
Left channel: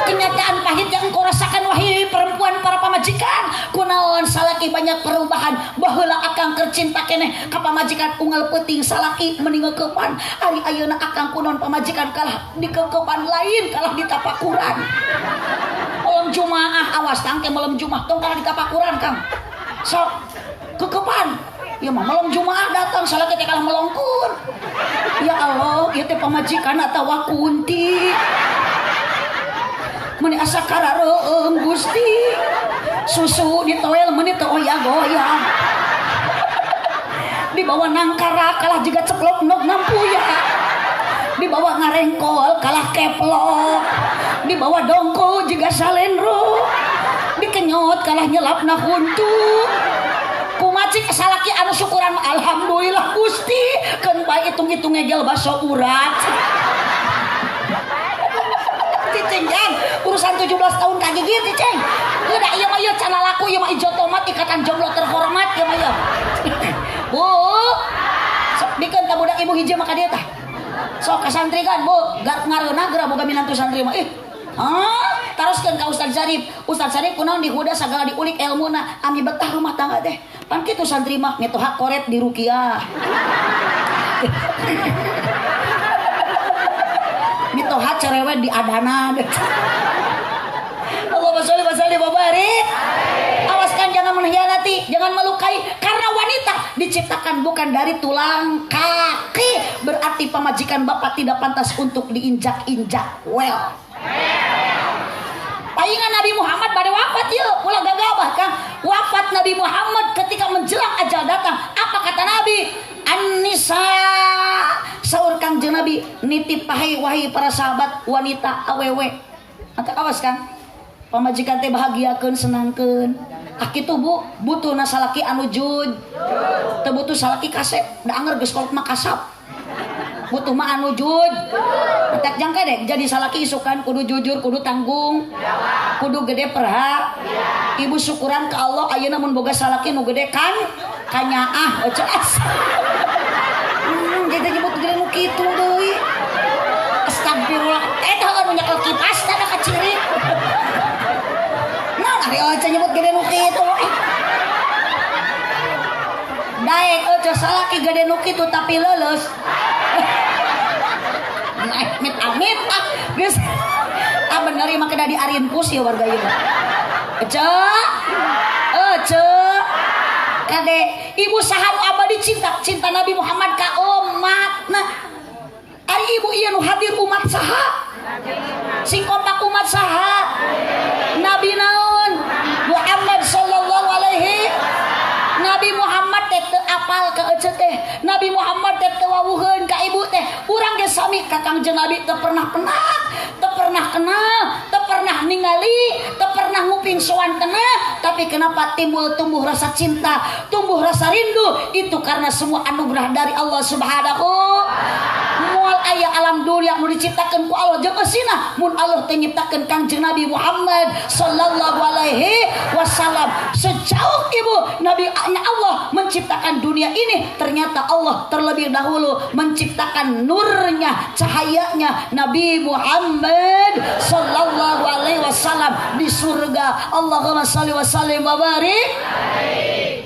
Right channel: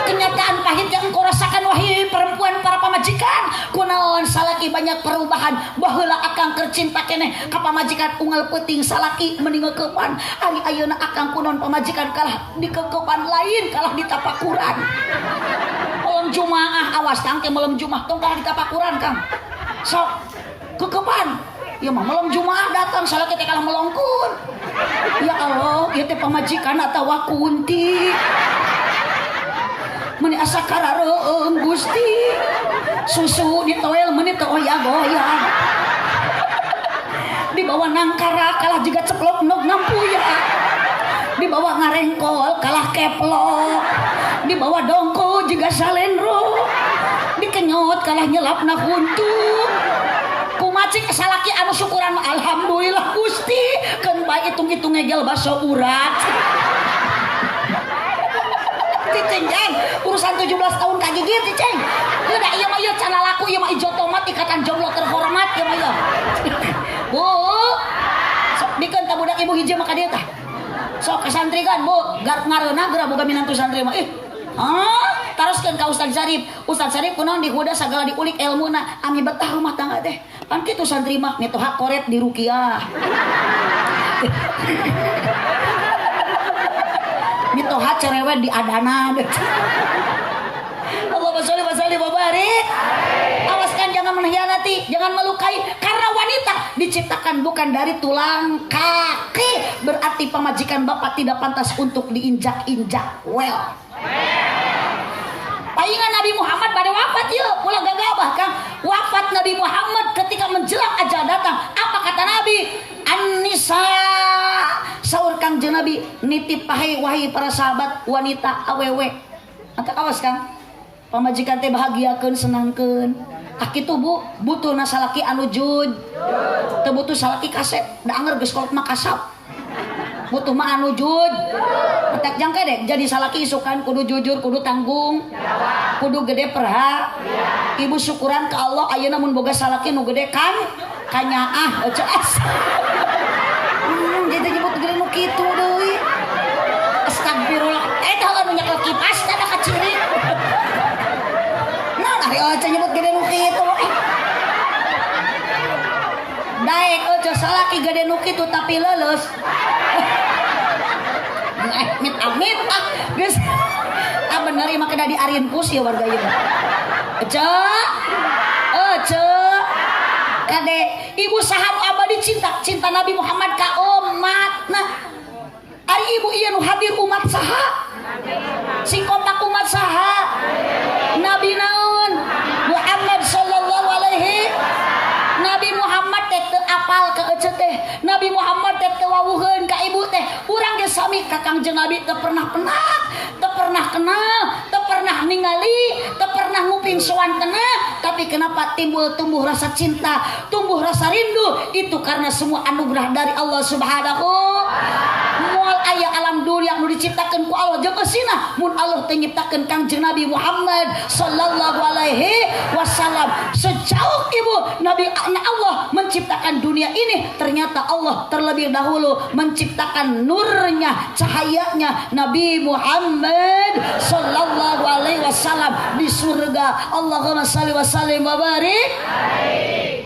kenyataan pahit yang kau rasakan wahai perempuan para pamajikan kunaon salaki banyak perubahan baheula akang keur cinta keneh ka pamajikan unggal peuting salaki mending ngeukepan ari ayeuna akang kunaon pamajikan kalah di keukepan lain kalah di tapakuran malam Jumaah awas tang teh malam Jumaah tong kalah di tapakuran Kang sok keukepan ya mah malam Jumaah datang salaki teh kalah melongkur ya Allah ieu teh pamajikan atawa kunti meni asa karareung Gusti susu ditoel meni teu oya-goyang dibawa nangkara kalah jiga ceklok nog nampuya dibawa ngarengkol kalah keplok dibawa dongko jiga salenro dikenyot kalah nyelapna huntu kumacik salaki anu syukuran alhamdulillah Gusti keun bae itung-itung ngegel baso urat Cicing urusan 17 tahun kagigit Cicing udah iya mah iya cana laku iya mah ijo tomat ikatan jomblo terhormat iya mah iya Bu sok dikeun ka budak ibu hiji maka dia tah sok kasantrikan Bu ngareuna geura boga minantu santri mah taroskeun ka Ustaz Sarip kunaon dihuda sagala diulik ilmuna ami betah rumah tangga teh kan kitu santri mah ngeto hak korep di ruqyah mitoha cerewet di adana Allahumma sholli wa sallim wa barik awaskan jangan mengkhianati jangan melukai karena wanita diciptakan bukan dari tulang kaki berarti pamajikan bapak tidak pantas untuk diinjak-injak palingan Nabi Muhammad pada wafat yuk ulah gagabah Kang wafat Nabi Muhammad wahai para sahabat wanita awewe angkat awas kan pamajikan teh bahagiakeun senangkeun tak kitu Bu butuh na salaki anu jud teu butuh salaki kasep da anger geus kolot mah kasap butuh mah anu jud tak jangka deh jadi salaki isukan kudu jujur kudu tanggung kudu gede perha ibu syukuran ke Allah ayeuna mun boga salaki nu gede kan kanyaah ceas jadi ibu gede nu kitu deui astagfirullah eta anu nyekel kipas teh ka ciri nah ari aja nyebut gede nu kitu daek ojo salaki gede nu kitu tapi leuleus amit geus bener mah kena diarinpus ya warga ieu kade ibu saham abadi cinta Nabi Muhammad ka umatna ari ibu ieu nu hadir umat saha sing kompak umat saha Nabi naon Muhammad sallallahu alaihi Nabi Muhammad teh teu apal ka ece teh Nabi Muhammad teh teu wawuheun ka ibu teh urang ge sami ka Kangjeng Nabi teu pernah kenal teu pernah ningali teu pernah nguping sowan kenal tapi kenapa tumbuh rasa cinta tumbuh rasa rindu itu karena semua anugerah dari Allah Subhanahu moal aya alam dunia nu diciptakeun ku Allah jeung eusina mun Allah teu nyiptakeun Kangjeng Nabi Muhammad sallallahu alaihi wasallam sejauh ibu Nabi Allah menciptakan dunia ini ternyata Allah terlebih dahulu menciptakan nurnya cahayanya Nabi Muhammad sallallahu alaihi wasallam di surga Allahumma shalli wa sallim wa barik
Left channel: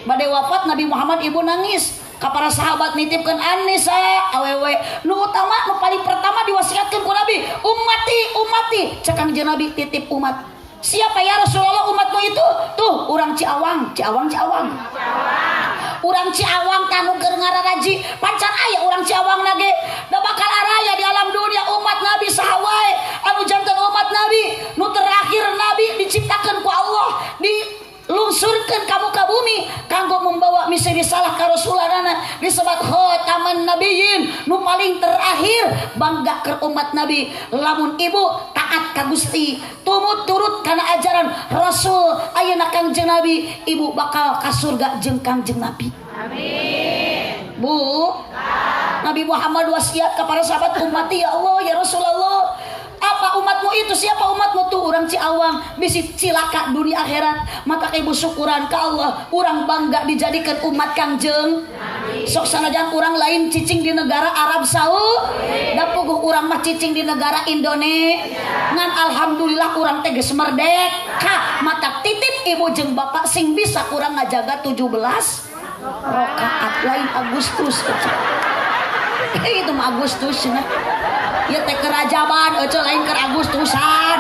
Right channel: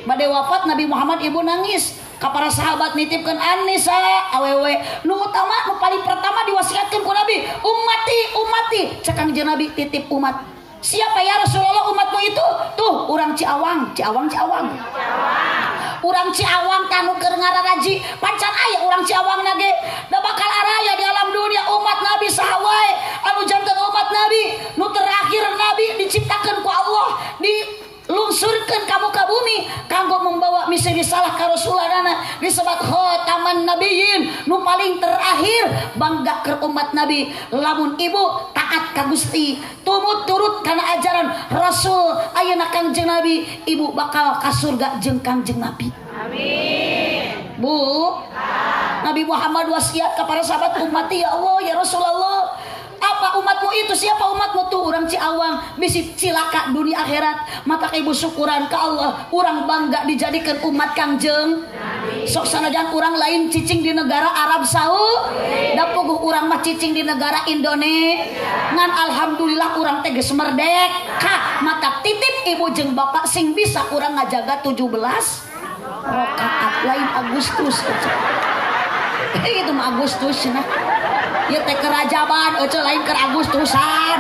bade wafat Nabi Muhammad ibu nangis ka para sahabat nitipkeun Anisa awewe nu utama nu paling pertama diwasiatkeun ku Nabi ummati cek Kangjeng Nabi titip umat siapa ya Rasulullah umatmu itu tuh urang Ciawang urang Ciawang kanu keur ngararaji pancan aya urang Ciawang nage da bakal araya di alam dunia umat Nabi saha wae anu janten umat Nabi nu terakhir Nabi diciptakeun ku Allah dilungsurkeun ka muka bumi kanggo membawa misi risalah ka Rasulana disebut khataman nabiyyin nu paling terakhir bangga keur umat Nabi lamun ibu taat ka Gusti tumut turut kana ajaran Rasul ayeuna Kangjeng Nabi ibu bakal ka surga jeung Kangjeng Nabi amin Bu Nabi Muhammad wasiat kepada sahabat ummati ya Allah ya Rasulullah apa umatmu itu siapa umatmu tuh orang Ciawang bisi cilaka dunia akhirat maka ibu syukuran ke Allah orang bangga dijadikan umat Kangjeng sok sanajan orang lain cicing di negara Arab Saudi da puguh orang mah cicing di negara Indonesia ngan alhamdulillah orang teh geus merdeka mata titip ibu jeung bapak sing bisa kurang ngajaga 17 rakaat lain Agustus itu mah Agustus nah ieu teh kerajaban eueuh lain keur Agustusan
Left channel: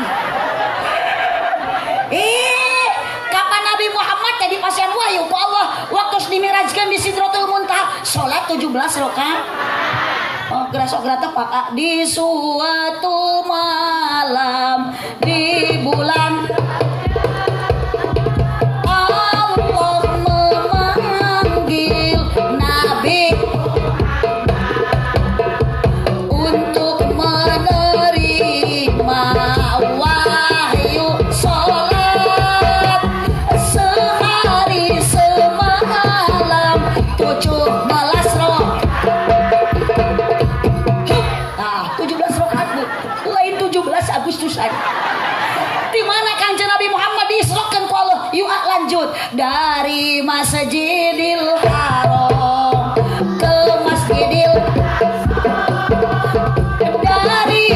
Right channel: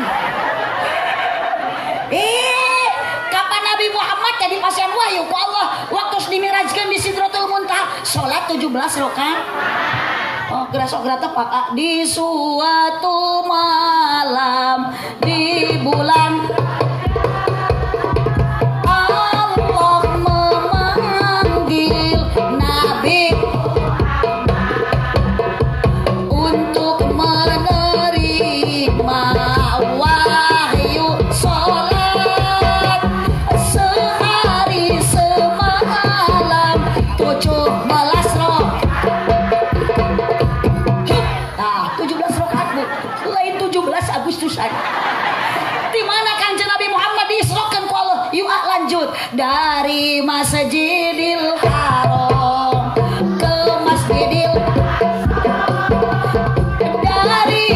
kapan Nabi Muhammad tadi pasien wahyu ku Allah waktu dimirajkeun di Sidratul Muntaha salat 17 rakaat gerak tepat di suatu malam di bulan Allah memanggil Nabi untuk menerima wahyu salat sehari semalam 17 rakaat. Nah, 17 rakaat lain 17 Agustusan. Di mana Kanjeng Nabi Muhammad diisrokeun ku Allah? Yuk lanjut dari Masjidil Haram ke Masjidil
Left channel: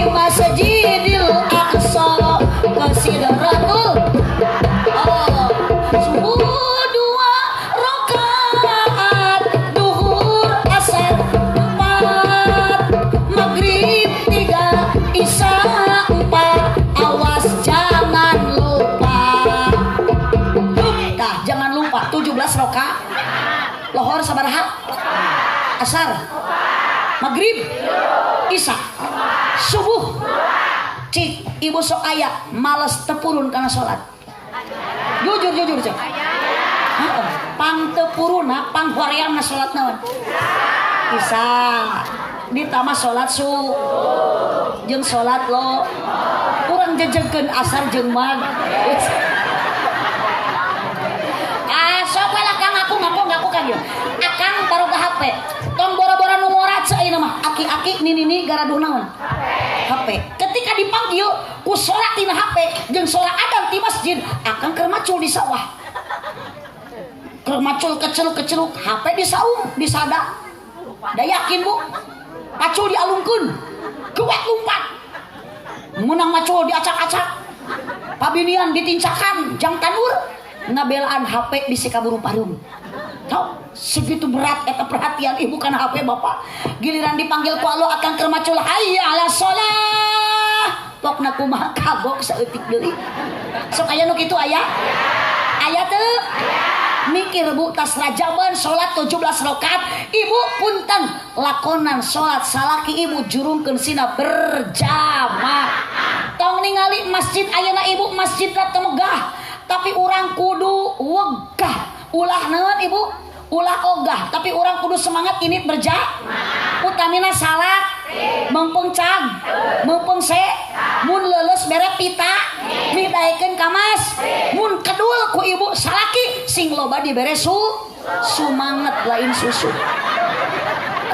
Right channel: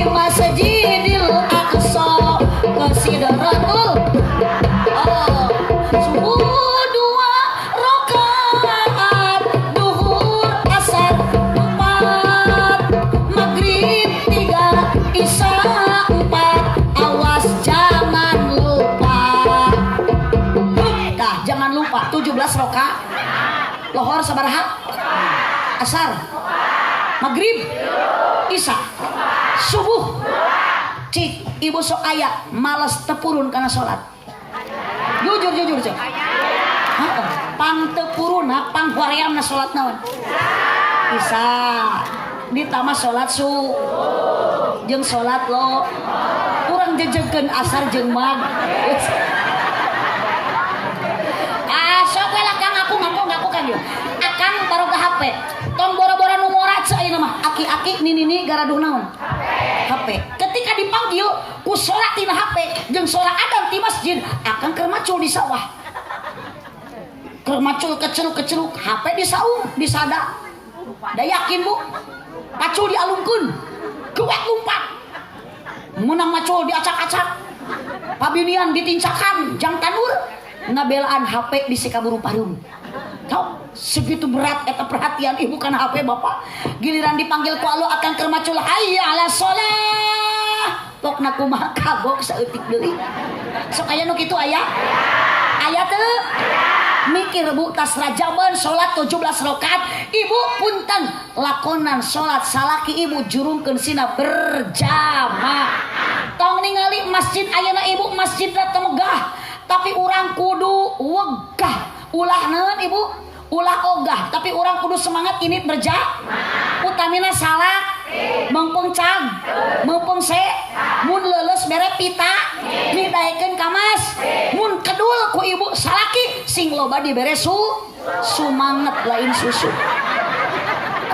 Masjidil Aqsa ke Sidratul subuh 2 rakaat duhur asar 4 maghrib 3 isya 4 awas jangan lupa jangan lupa 17 rakaat lohor sabaraha asar maghrib isya subuh cik ibu sok aya males tepurun karena sholat jujur cik pang tepurun pang huariam na sholat naon bisa ditambah sholat subuh jeung salat lo kurang jejengkeun asar jeung mag sok we lah Kang ngaku kan yo akang baru ke HP ton bora-bora nu ngorat ayeuna mah aki-aki nini garaduh naon HP ketika dipanggil ku salat tina HP jeung salat adzan di masjid akang keur macul di sawah keur macul kecil HP di saung di sada da yakin Bu macul dialungkeun keuek lumpat menang macul diacak-acak pabinian ditincakan jang tanur ngabelaan HP di sikaburu parum tau segitu berat eta perhatian ibu kana HP bapak giliran dipanggil ku Allah akan keur macul hayya ala shalah pokna kumaha kagok saeutik deui sok aya nu kitu aya teu mikir Bu tas rajaban salat 17 rakaat ibu punten lakonan salat salaki ibu jurungkeun sina berjamaah tong ningali masjid ayeuna ibu masjid teu megah tapi orang kudu wegah ulah naon ibu ulah ogah tapi orang kudu semangat ini berjamaah utamina salat mengpeng cang mengpeng se mun leuleus bere pita midaekeun ka mas mun kedul ku ibu salaki sing loba dibere sumanget lain susu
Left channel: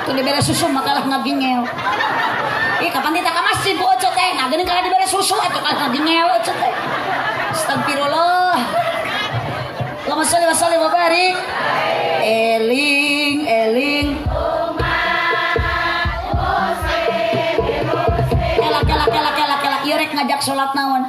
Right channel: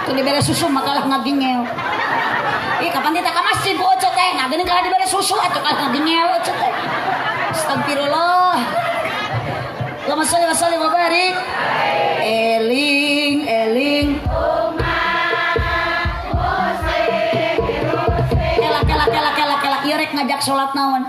atuh dibere susu makalah ngagingel ih kapan kita ka masjid Bu Oce teh ngageun kalau dibere susu atuh kalah ngagingel Oce teh astagfirullah Allahumma sholli wa sallim wa barik eling kela ieu rek ngajak salat naon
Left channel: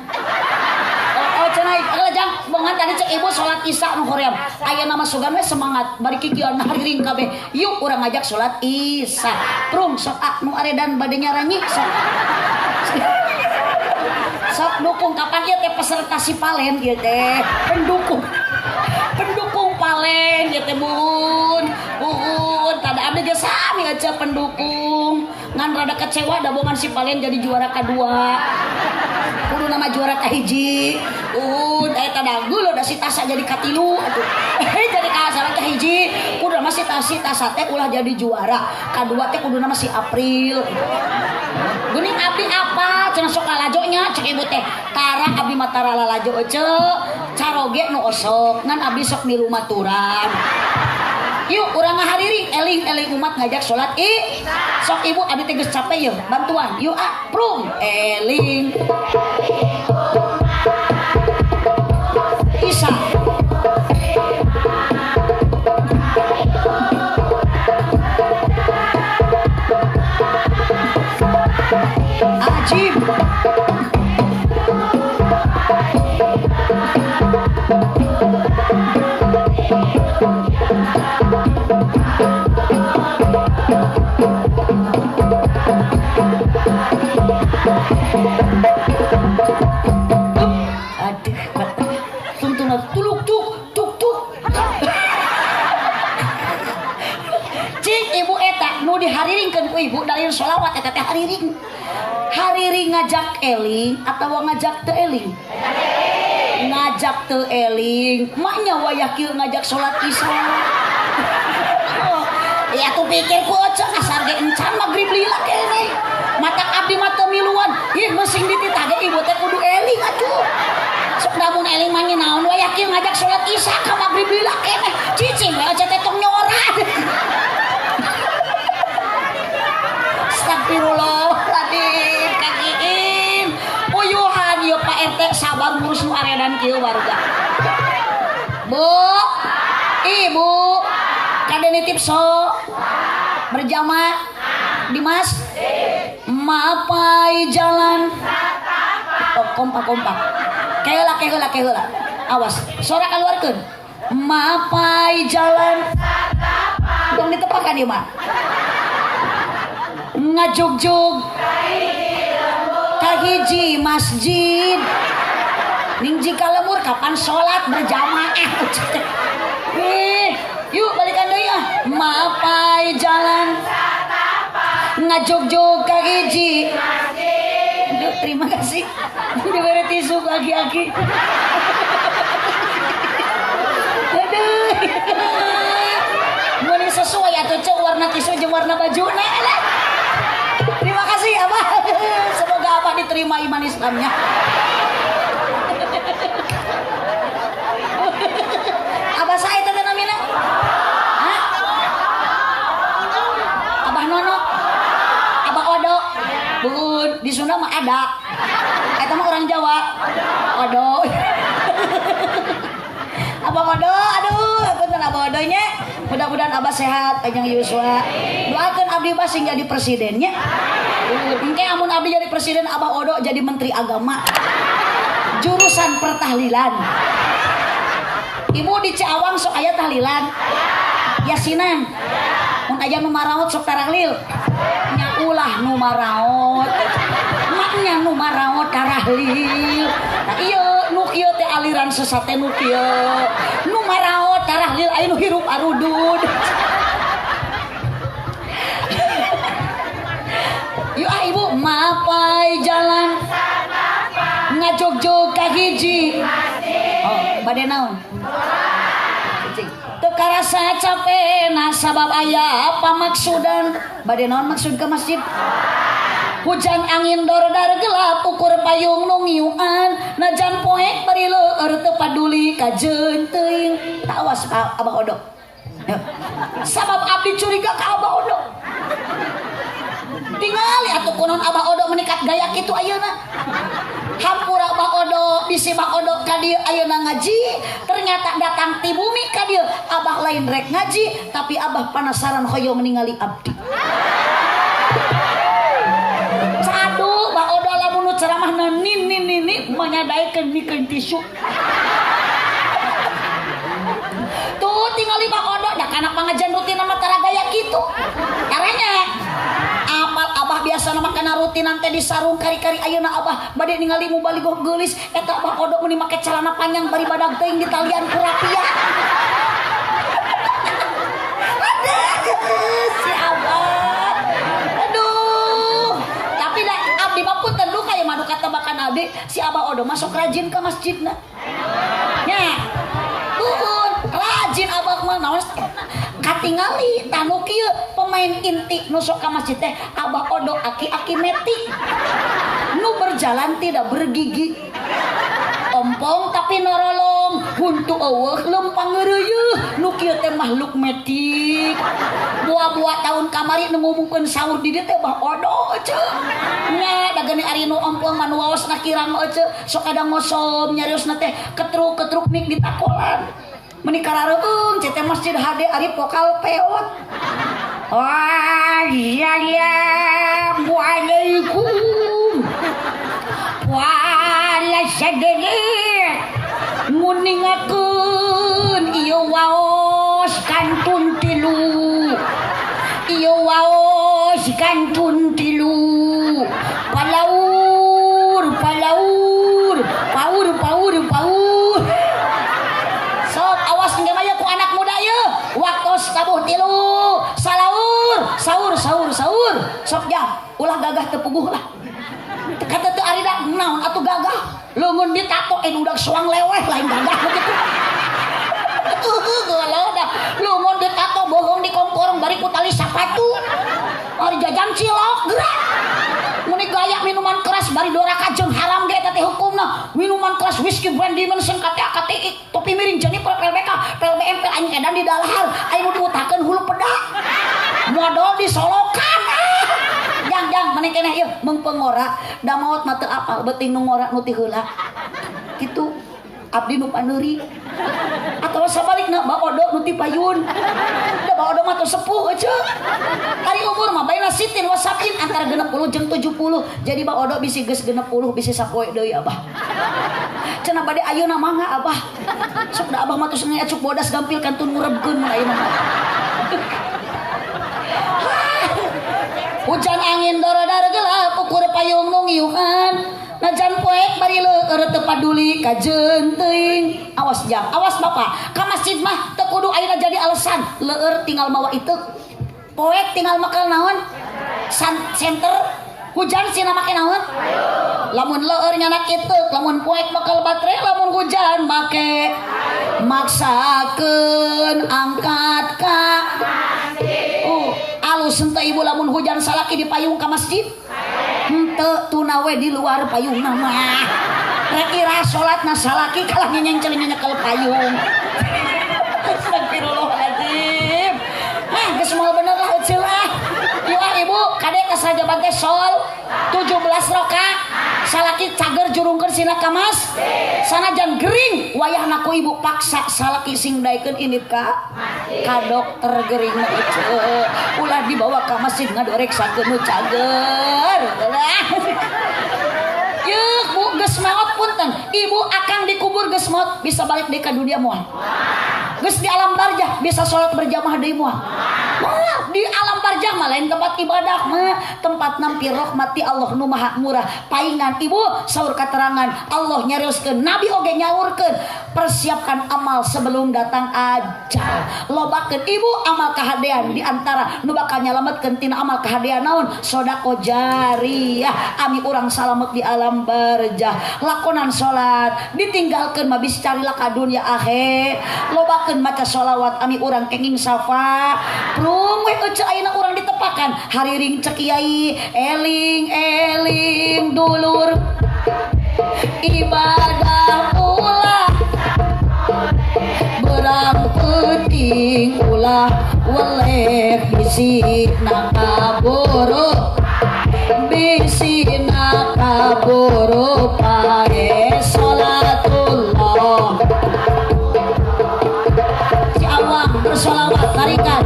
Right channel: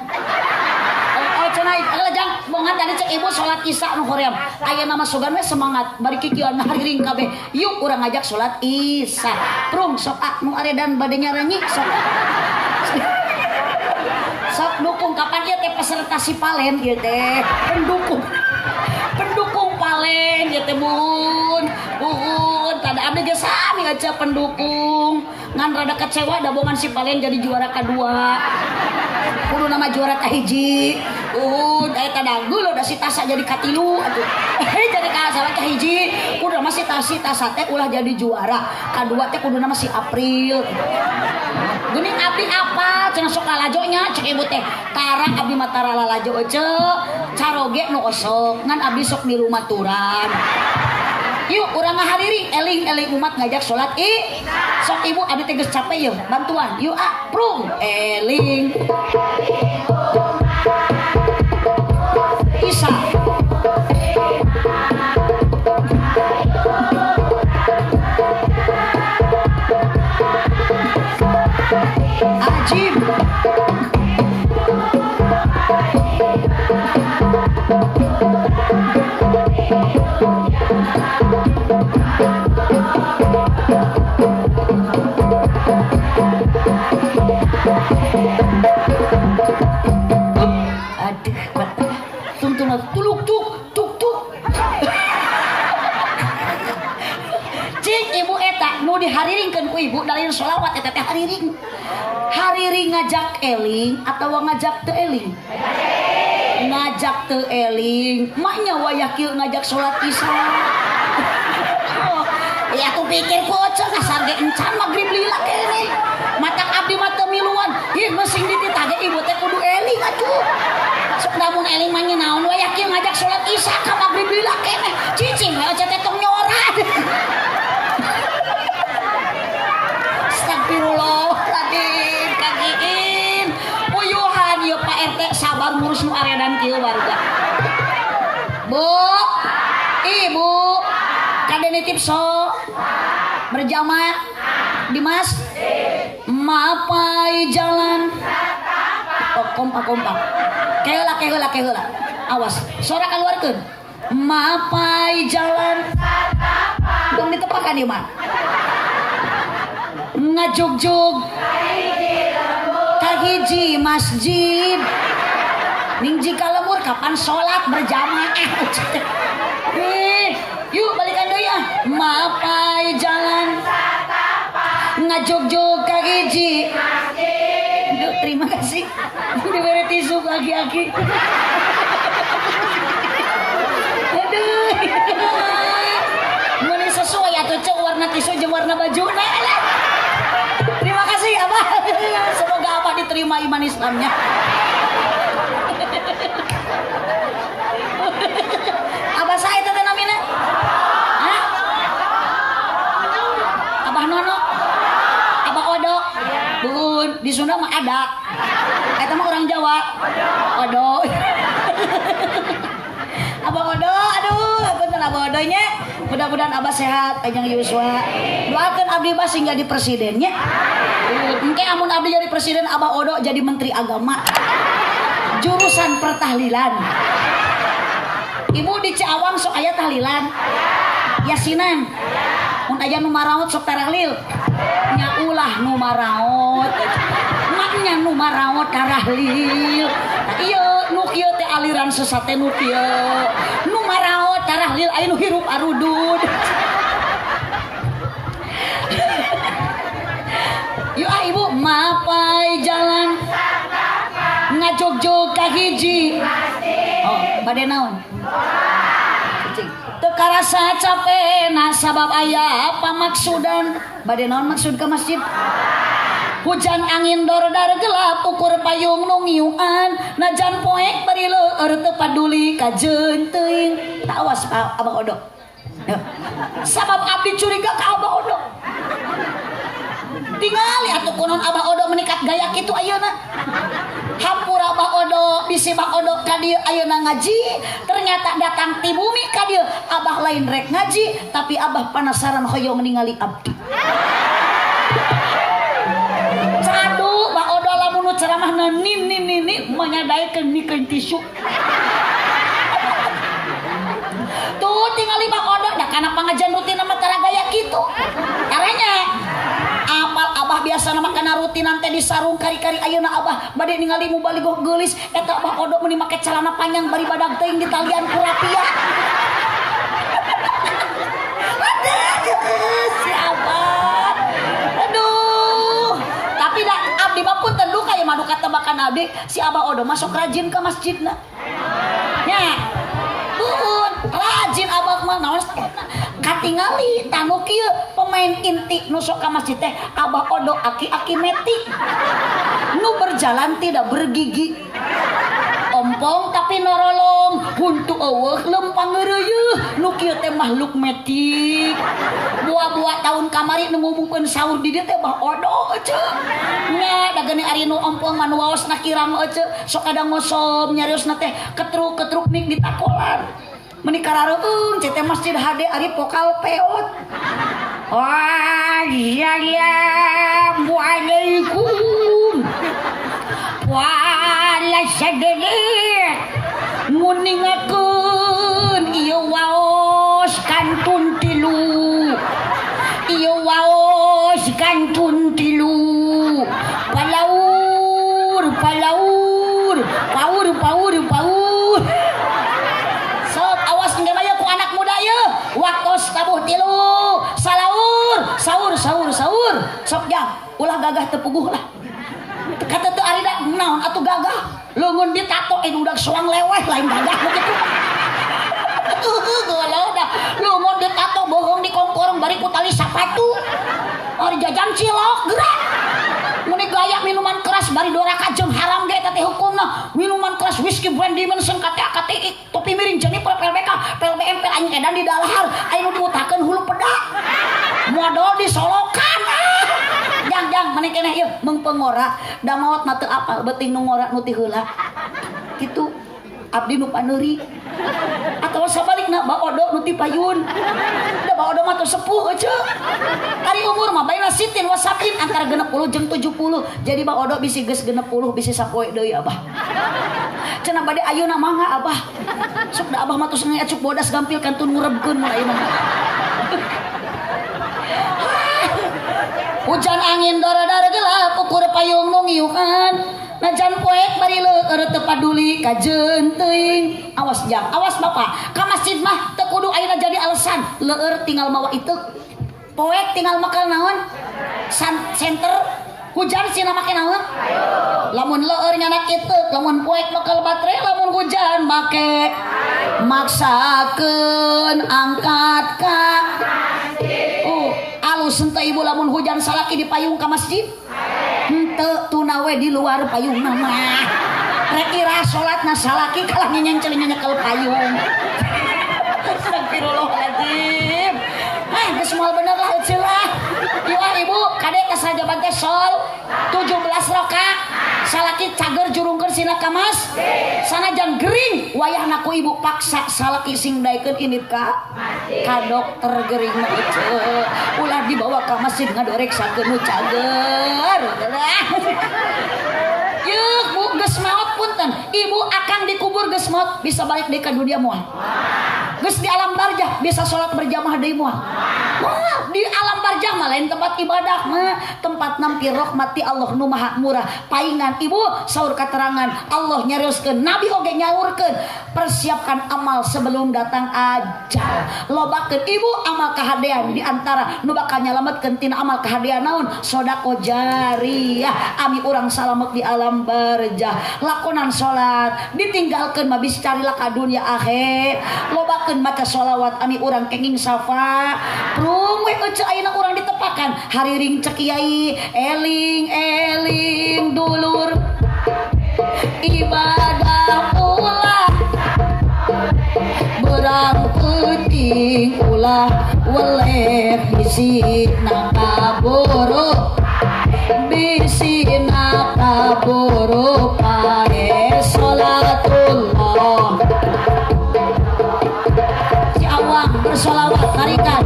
cenah lajang bongan tadi cek ibu salat isya nu hoream ayeuna mah sugan we semangat bari kikieuan hariring kabeh yuk urang ngajak salat isya prung sok nu aredan bade nyaranyi sok dukung kapan ieu teh peserta si Palen ieu teh pendukung Palen ieu teh bun tada abdi geus sami aja pendukung ngan rada kecewa da bongan si Palen jadi juara kedua kudu nama juara kahiji eta dagu lo da si Tasa jadi katilu atuh jadi kasalah kahiji kudu nama si Tasa teh ulah jadi juara kadua teh kudu nama si April geuning abdi apa cenah sok lalajonya cek ibu teh tara abdi mah tara lalajo ceu caroge nu osok ngan abdi sok nilu maturan yuk urang ngahariri eling umat ngajak salat sok ibu abdi teh geus capek yeuh bantuan yuk prung eling Isa Ajib dihariringkeun ku ibu dari sholawat eta teh hariring ngajak eling atau ngajak teu eling ngajak teu eling maknya wayah kieu ngajak salat isya ya tuh pikir ku oce kasar ge encan magrib lila kene matak abdi mah teu miluan ieu meusing dititah ge ibu teh kudu eling atuh sok lamun eling mah naon wayah kieu ngajak salat isya ka magrib lila kene cicing we oce teh tong nyorat Astagfirullahaladzim kagiin puyuhan ya Pak RT sabar ngurus nu aredan kieu warga Bu Ibu kade nitip so berjamaah di mas mapai jalan kompak keula awas suara keluarkeun mapai jalan dong ditepakan ieu mah ngajugjug kahiji masjid ning jika lemur kapan sholat berjamaah yuk balikan deui mapai jalan ngajugjug kahiji masjid terima kasih diberi tisu aki-aki aduh mun sesuai atuh cek warna tisu jeung warna baju terima kasih Abah. iman Islamnya. Abah saya itu namanya? Hah? Abah Nono? Abah Odo? Bun, di Sunda mah ada. Eta mah orang Jawa. Odo. Abah Odo, aduh, bener Abah Odonya. Mudah-mudahan Abah sehat, panjang Yuswa. Doakan abdi Bas sing jadi presidennya. Mungkin amun abdi jadi presiden, Abah Odo jadi menteri agama. Jurusan pertahlilan. Ibu di Ciawang sok aya tahlilan. Yasinan. Mun aya nu maraot sok tarahlil. Nya ulah nu maraot. Maknya nu maraot tarahlil. Ieu nu ieu teh aliran sesat teh nu kieu. Nu maraot tarahlil aya nu hirup arudud. Yuk ibu mapai jalan ngajog-jog ka hiji. Oh, bade naon? Teu karasa capena sabab aya pamaksudan. Bade naon maksud ke masjid? Hujan angin dor-dar gelap ukur payung nu ngiuan najan poek bari leueur teu paduli ka jeun teuing. Awas Abah Odo. Sabab abdi curiga ka Abah Odo. Tingali atuh kunon Abah Odo menikat gaya kitu ayeuna. Hampura Abah Odo bisi Abah Odo ka dieu ayeuna ngaji, ternyata datang ti bumi ka dieu Abah lain rek ngaji, tapi Abah penasaran hoyong ningali abdi. Cadu Abah Odo lamun nu ceramahna nin menyadaikeun mikeun tisu. Tuh tingali Abah Odo da kana pangajian rutin mah tara gaya kitu. Caranya amal Abah biasa nama kana rutinan teh di sarung kari-kari ayeuna Abah bade ningali mubalighah geulis eta Abah Odo meuni make celana panjang bari badag teuing di talian ku rapiah. Si Abah. Aduh. Tapi dah abdi mah punten duka ya madu katabakan abdi si Abah Odo masuk rajin ke masjidna. Nya. Rajin Abah mah naon katingali tanu kieu pemain inti nu sok ka masjid teh Abah Odo aki-aki metik nu berjalan tidak bergigi ompong tapi norolong huntu eueuh lempang ngeureuyeun nu kieu teh makhluk metik buah-buah tahun kamari nu ngumumkeun sahur di dieu teh Abah Odo ceuk nya da geuni ari nu ompong mah nu waosna kirang ceuk sok ada ngosom nyariosna teh ketruk-ketruk mik di takolan menikah rareung cete masjid HD ari vokal peot. Waalaikumsalam. Wala sadede. Muningakeun ieu waos kantun tilu. Ieu waos kantun tilu. Palaur. Waktos tabuh tilu sahur sok jam ulah gagah tepuguh lah kata teu ari da naon atuh gagah leungeun ditato udah soang leweh lain gagah begitu geuleuh dah leungeun ditato bohong di kongkorong bari ku tali sapatu ari jajan cilok gerak muni gaya minuman keras bari doraka jeung haram ge teh hukumna minuman keras whisky brand dimension KTI topi miring Jennifer PLBK PLBM anjing edan di dalahar aya nu diutakeun hulu peda modal disolokan jang mani keneh ieu mung pengora da maot mah teu apal beuting nu ngora nu ti heula kitu abdi nu paneuri atawa sabalikna Abah Odo nu ti payun da Abah Odo mah teu sepuh ceuk ari umur mah baina sitin wasapin antara 60 jeung 70 jadi Abah Odo bisi geus 60 bisi sapoe deui Abah cenah bade ayeuna mangga Abah sok da Abah mah tos ngecuk bodas gampil kantun ngurebkeun mun ayeuna mah hujan angin dara-dara gelap ukur payung nu ngiukan najan poek bari leueur teu paduli ka jeun teuing awas jang awas bapak ka masjid mah teu kudu ayeuna jadi alasan leueur tinggal mawa itu poek tinggal makan naon center hujan cenah make naon lamun leueur nyana kitu lamun poek bakal baterai lamun hujan make maksakeun angkat ka alus henteu ibu lamun hujan salaki di payung ka masjid henteu tunawe di luar payung mah rek ira salatna salaki kalah nyencel nyekel payung. Astagfirullahaladzim. Geus moal bener lah ecelah. Ieu ibu kade kasajaban teh sol 17 rakaat. Salaki cager jurungkeun sina kamas. Sanajan gering wayahna ku ibu paksa salaki sing daekeun init ka dokter gering mah ece. Ulah dibawa ka masjid ngadereksakeun nu cager. Yeuk bu geus maot punten. Ibu akang dikubur geus maot bisa balik deui ka dunia moal. Geus di alam barzah bisa sholat berjamaah deui moal. Wah, di alam barzah mah lain tempat ibadah mah tempat nampi rahmati Allah nu maha murah. Paingan ibu saur katerangan Allah nyarioskeun nabi oge nyaurkeun persiapkan amal sebelum datang ajal. Lobakeun ibu amal kahadean di antara nu bakal nyalametkeun tina amal kahadean naon sedekah jariyah ami urang salamet di alam barzah. Lakonan salat ditinggalkeun mah bisa carilah ka dunia akhir. Lobakeun maca sholawat ami urang kenging safa prung we ece ayeuna urang ditepakan hariring cek kiai eling dulur ibadah ulah berang penting ulah weleh bisikna kaburu pae sholatullah si awang bersolawat tarikan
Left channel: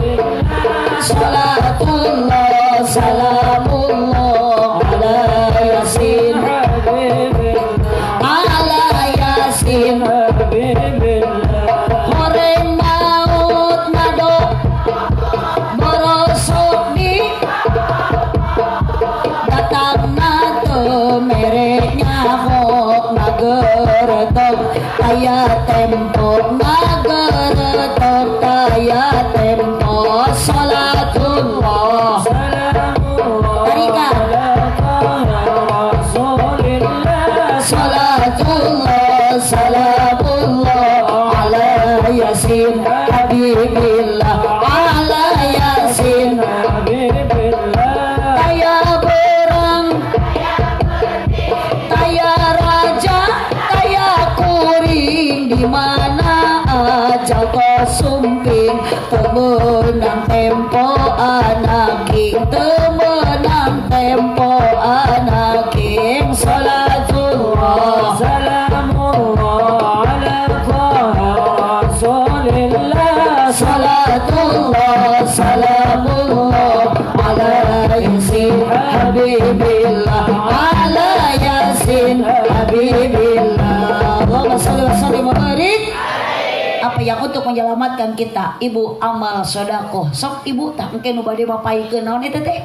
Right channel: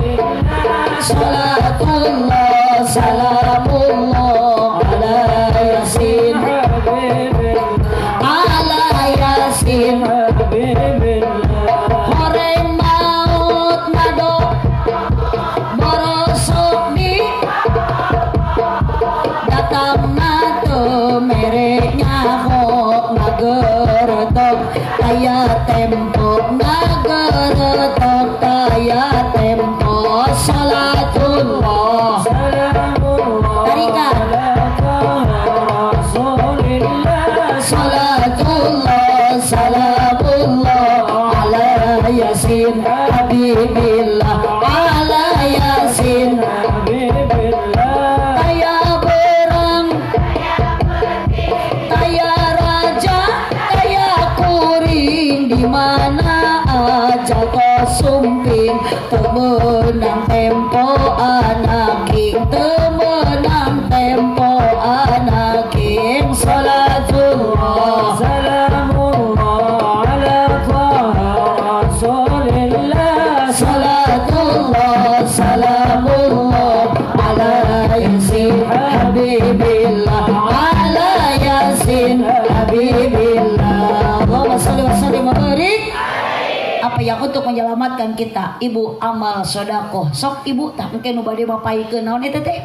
sholatullah salamullah ala yasin hore maut nado borosok di datang nato mereknya hok nageretok kaya tempo nageretok kaya tempo salatullah tarikan salatullah salamullah ala yasin habibillah ala yasin habibillah kaya berang kaya raja kaya kuring di mana aja kau sumping temenang tempo anak king temenang tempo anak king salatullah salamullah ala rasulillah salatullah salamullah ala yasin habibillah ala yasin habibillah. Allahumma shalli wa sallim wa barik. Apa yang untuk menyelamatkan kita ibu amal sedekah sok ibu tak mungkin nu bade mapaikeun naon eta teh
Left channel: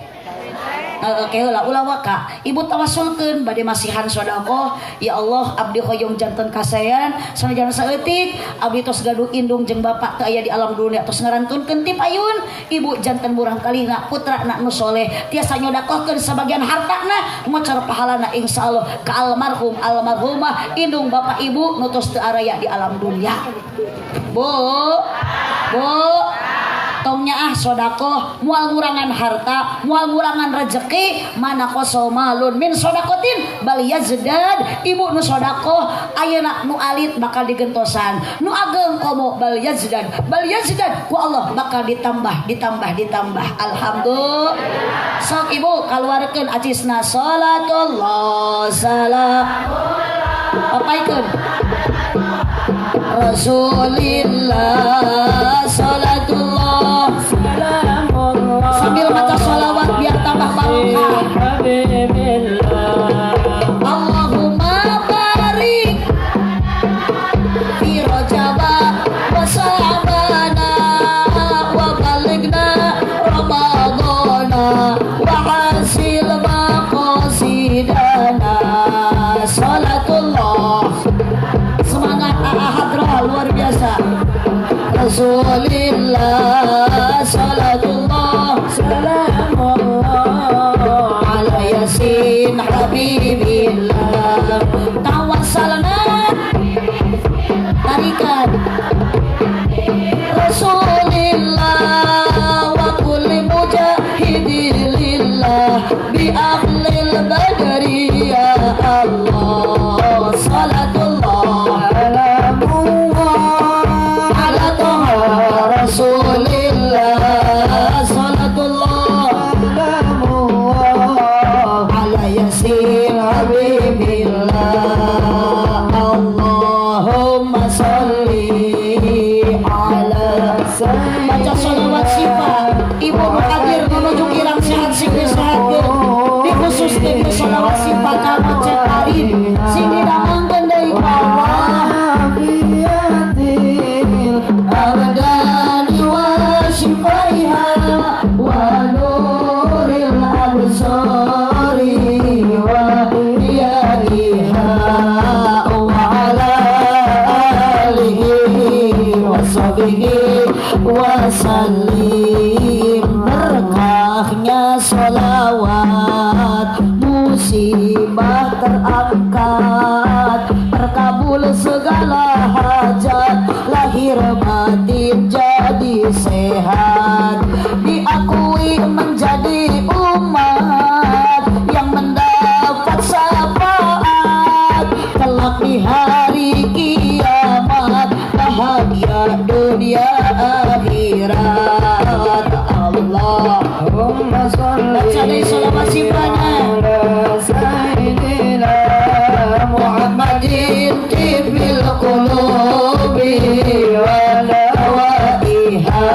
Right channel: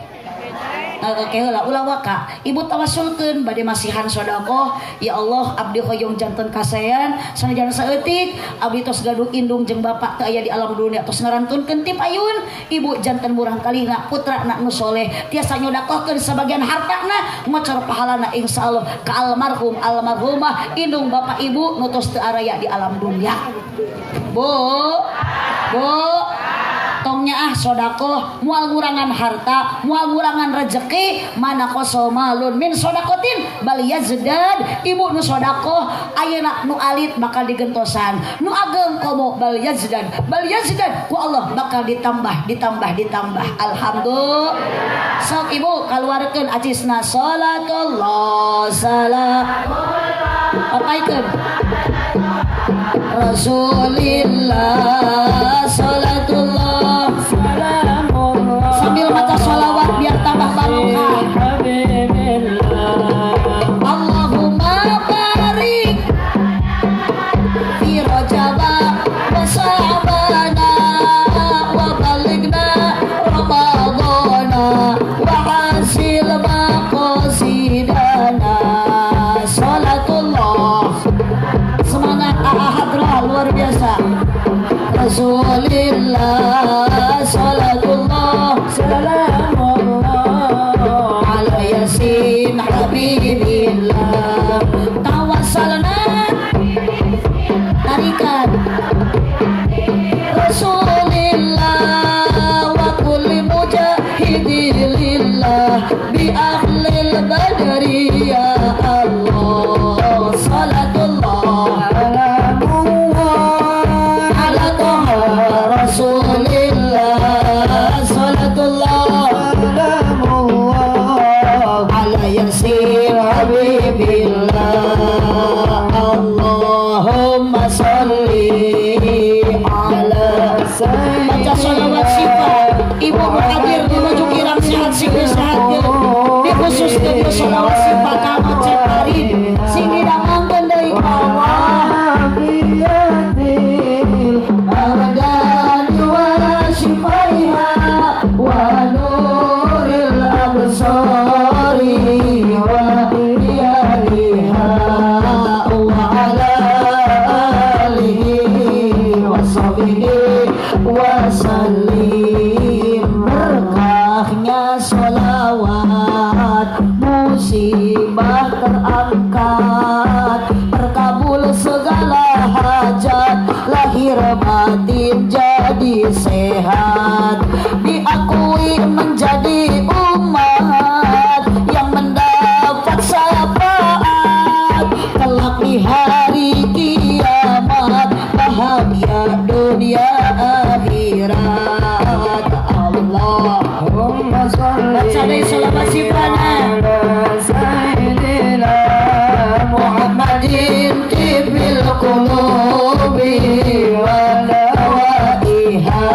Oke lah ulah waka ibu tawasulkeun bade masihan sedekah ya Allah abdi hoyong janten kasayan sanajan saeutik abdi tos gaduh indung jeung bapak teu aya di alam dunia tos ngarantunkeun ti payun ibu janten murang kalina putrana nu soleh tiasa nyodakohkeun sabagian hartana mocer pahalana insyaallah ka almarhum almarhumah indung bapak ibu nu tos teu araya di alam dunia. Bu tongnya sedekah moal ngurangan harta moal ngurangan rezeki mana koso malun min sodakotin bal yazdad ibu nu sedekah ayeuna nu alit bakal digentosan nu ageng komo bal yazdad ku Allah bakal ditambah alhamdulillah. Sok ibu kaluarkeun acisna salatullah salamullah apaikeun Rasulillah salatullah salamullah sambil baca sholawat biar tambah barokah. Allahumma barik fi rajaba wa sya'bana wa balighna ramadana wa hasil maqasidana salatullah semangat ahadra luar biasa. Rasulillah salatullah salamullah ala yasin habibillah tawassalna tarikan Rasulillah wa kulli mujahidilillah bi ahlil badr baca sholawat sifat ibu hadir menuju kirang sehat sing sehat dikhususkeun sholawat sifat ka Cek Arin sing didamangkeun deui ka Allah biyatil abdani wa shifaiha wa nuril absari wa yadiha wa ala alihi wa sahbihi wa sallim berkahnya sholawat musibah terangkat terkabul segala hajat lahir batin jadi sehat diakui menjadi umat yang mendapat syafaat kelak di hari kiamat bahagia dunia akhirat Allahumma sholli ala sayyidina Muhammadin tibil qulubi wa lawaiha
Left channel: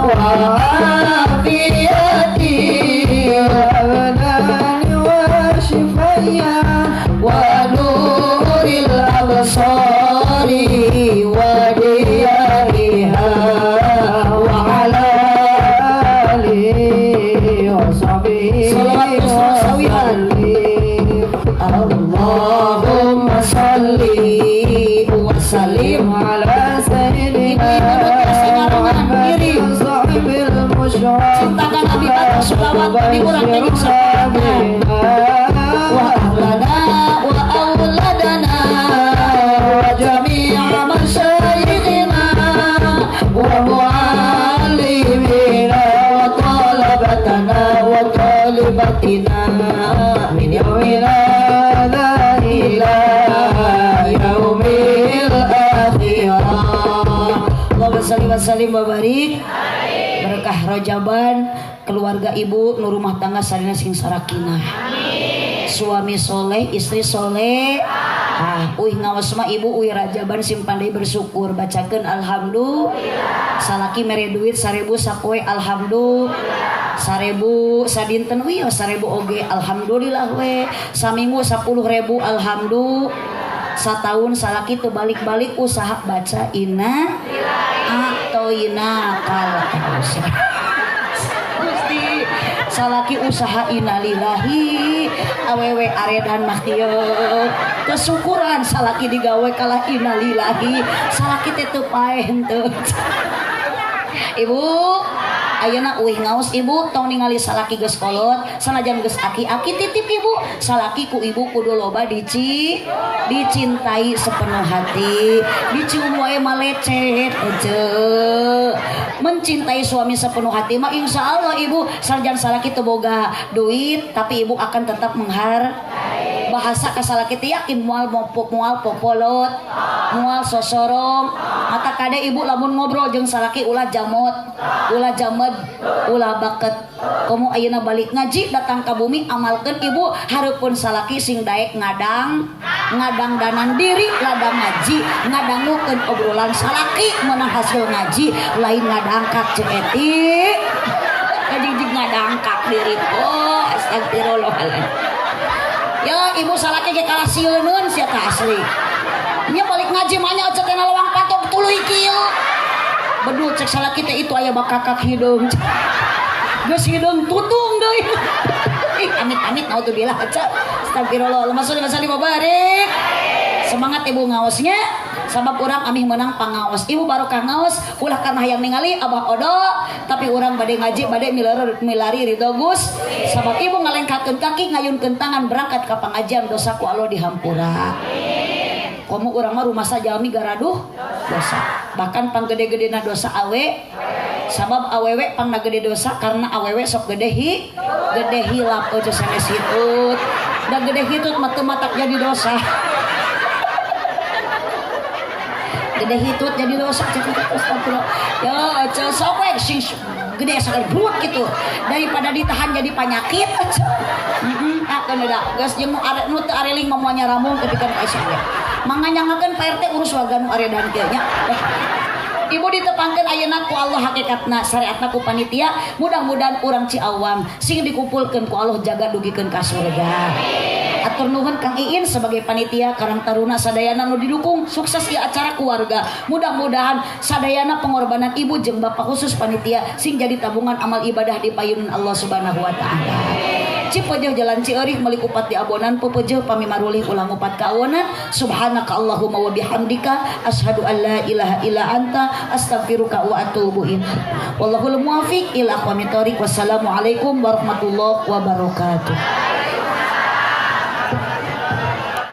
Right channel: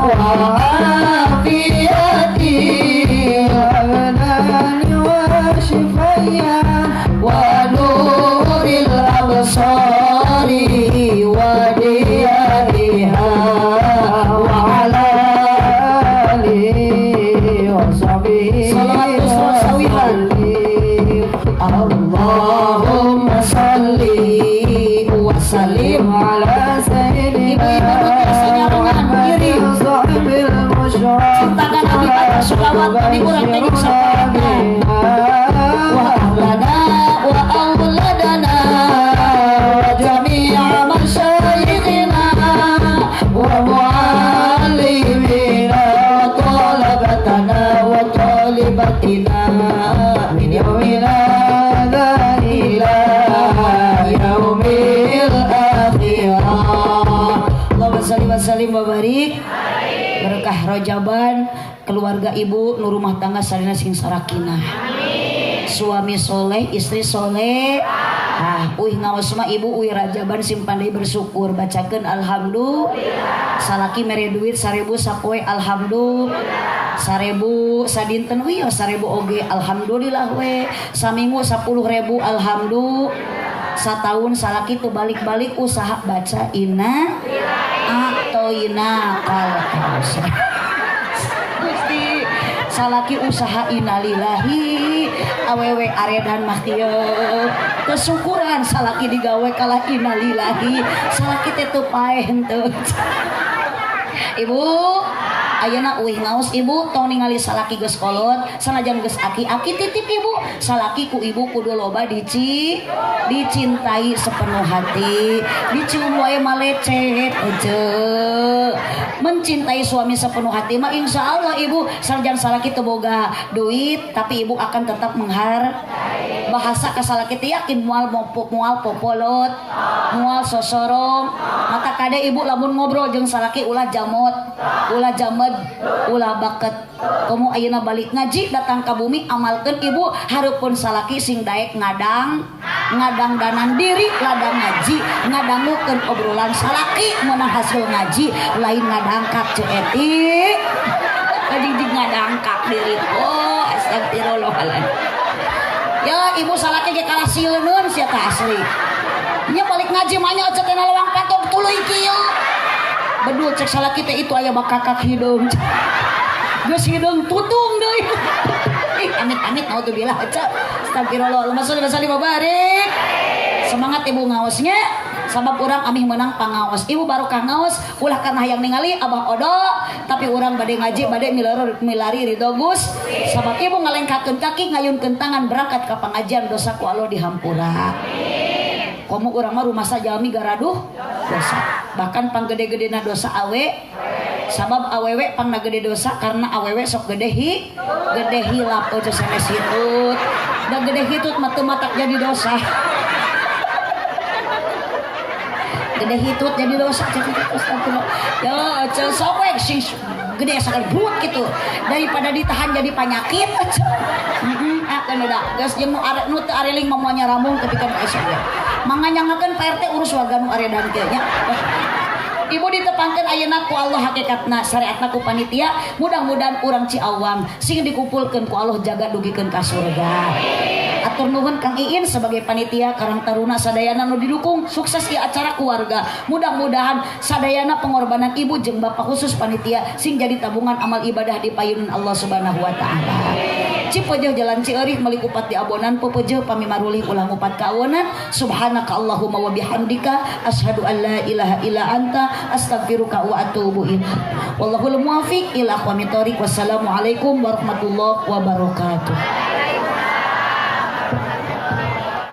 wa afiyati abdani wa shifaya wa nuril absari wa diyariha wa ala alihi wa sahbihi Allahumma salli wa sallim ala sayyidina sahibil musyrik cintakan Nabi baca sholawat Nabi kurang jadi sahabat wa ahlana wa auladana wa jami'a masyayikhina wa muallimina wa talabatana wa talibatina min yawmina ila yaumil akhirah Allahumma shalli wa sallim wa barik berkah Rajaban keluarga ibu nu rumah tangga sareng sing sarakina suami soleh istri soleh ngawas mah ibu uih Rajaban sing pandai bersyukur bacakeun alhamdulillah salaki mere duit 1000 sapoe alhamdulillah 1000 sadinten we 1000 oge alhamdulillah we saminggu 10.000 alhamdulillah satahun salaki tuh balik-balik usaha baca inna atau ina kalausa Gusti salaki usaha innalillahi awewe aredan mah kieu kesyukuran salaki digawe kalah innalillahi salaki teh teu paeh henteu ibu ayeuna uih ngaos ibu tong ningali salaki geus kolot sanajan geus aki-aki titip ibu salaki ku ibu kudu loba dicintai sepenuh hati dicium wae malecet ece mencintai suami sepenuh hati mah insyaallah ibu sanajan salaki teu boga duit tapi ibu akan tetap menghargai bahasa ka salaki teh yakin moal popolot moal sosorong mata kade ibu lamun ngobrol jeung salaki ulah jamot ulah jamet ulah baket kamu ayeuna balik ngaji datang ke bumi amalkeun ibu hareupeun salaki sing daek ngadang danang diri ladang ngaji ngadangukeun obrolan salaki meunang hasil ngaji lain ngadangkak ceeti di ngadangkak diri kok astagfirullahaladzim ya ibu salaki ge kalah sileuneun sia tah asli nya balik ngaji mah nya cek kana lawang patok tuluy kieu bedul cek salaki teh itu aya bakakak hideung geus hideung tutung deui amit-amit naudzubillah cek astagfirullah Allahumma sholli wa barik semangat ibu ngaosnya sabab urang amih menang pangaos ibu barokah ngaos ulah kana hayang ningali abah odo tapi urang bade ngaji bade milari ridho Gus sabab ibu ngalengkakeun kaki ngayunkeun tangan berangkat ka pangajian dosa ku Allah dihampura komo urang mah rumah sajami garaduh dosa bahkan panggede-gedena dosa awe sabab awewe pangna gede dosa karena awewe sok gede hilap ojo sanes hitut da gede hitut mah teu matak jadi dosa gede hitut jadi dosa ya sok we sing gede sakali buat gitu daripada ditahan jadi penyakit akan udah geus jeung nu teu areling momonya ramung ketika esok we manganyangakeun PRT urus warga nu aredan teh nya Ibu ditepangkeun ayeuna ku Allah hakikatna syariatna ku panitia mudah-mudahan urang Ciawang sing dikumpulkeun ku Allah jaga dugikeun ka surga. Atur nuhun Kang Iin sebagai panitia Karang Taruna sadayana nu didukung sukses di acara keluarga. Mudah-mudahan sadayana pengorbanan ibu jeung bapak khusus panitia sing jadi tabungan amal ibadah di payunan Allah Subhanahu wa taala. Cipeujeuh jalan Cieurik meuli upat di abonan pepeueuh pami marulih ulang upat ka awonan. Subhanaka Allahumma wa bihamdika asyhadu an la ilaha illa anta astaghfiruka wa atubu ilaik. Wallahul muwaffiq ila aqwamit thoriq. Wassalamualaikum warahmatullahi wabarakatuh.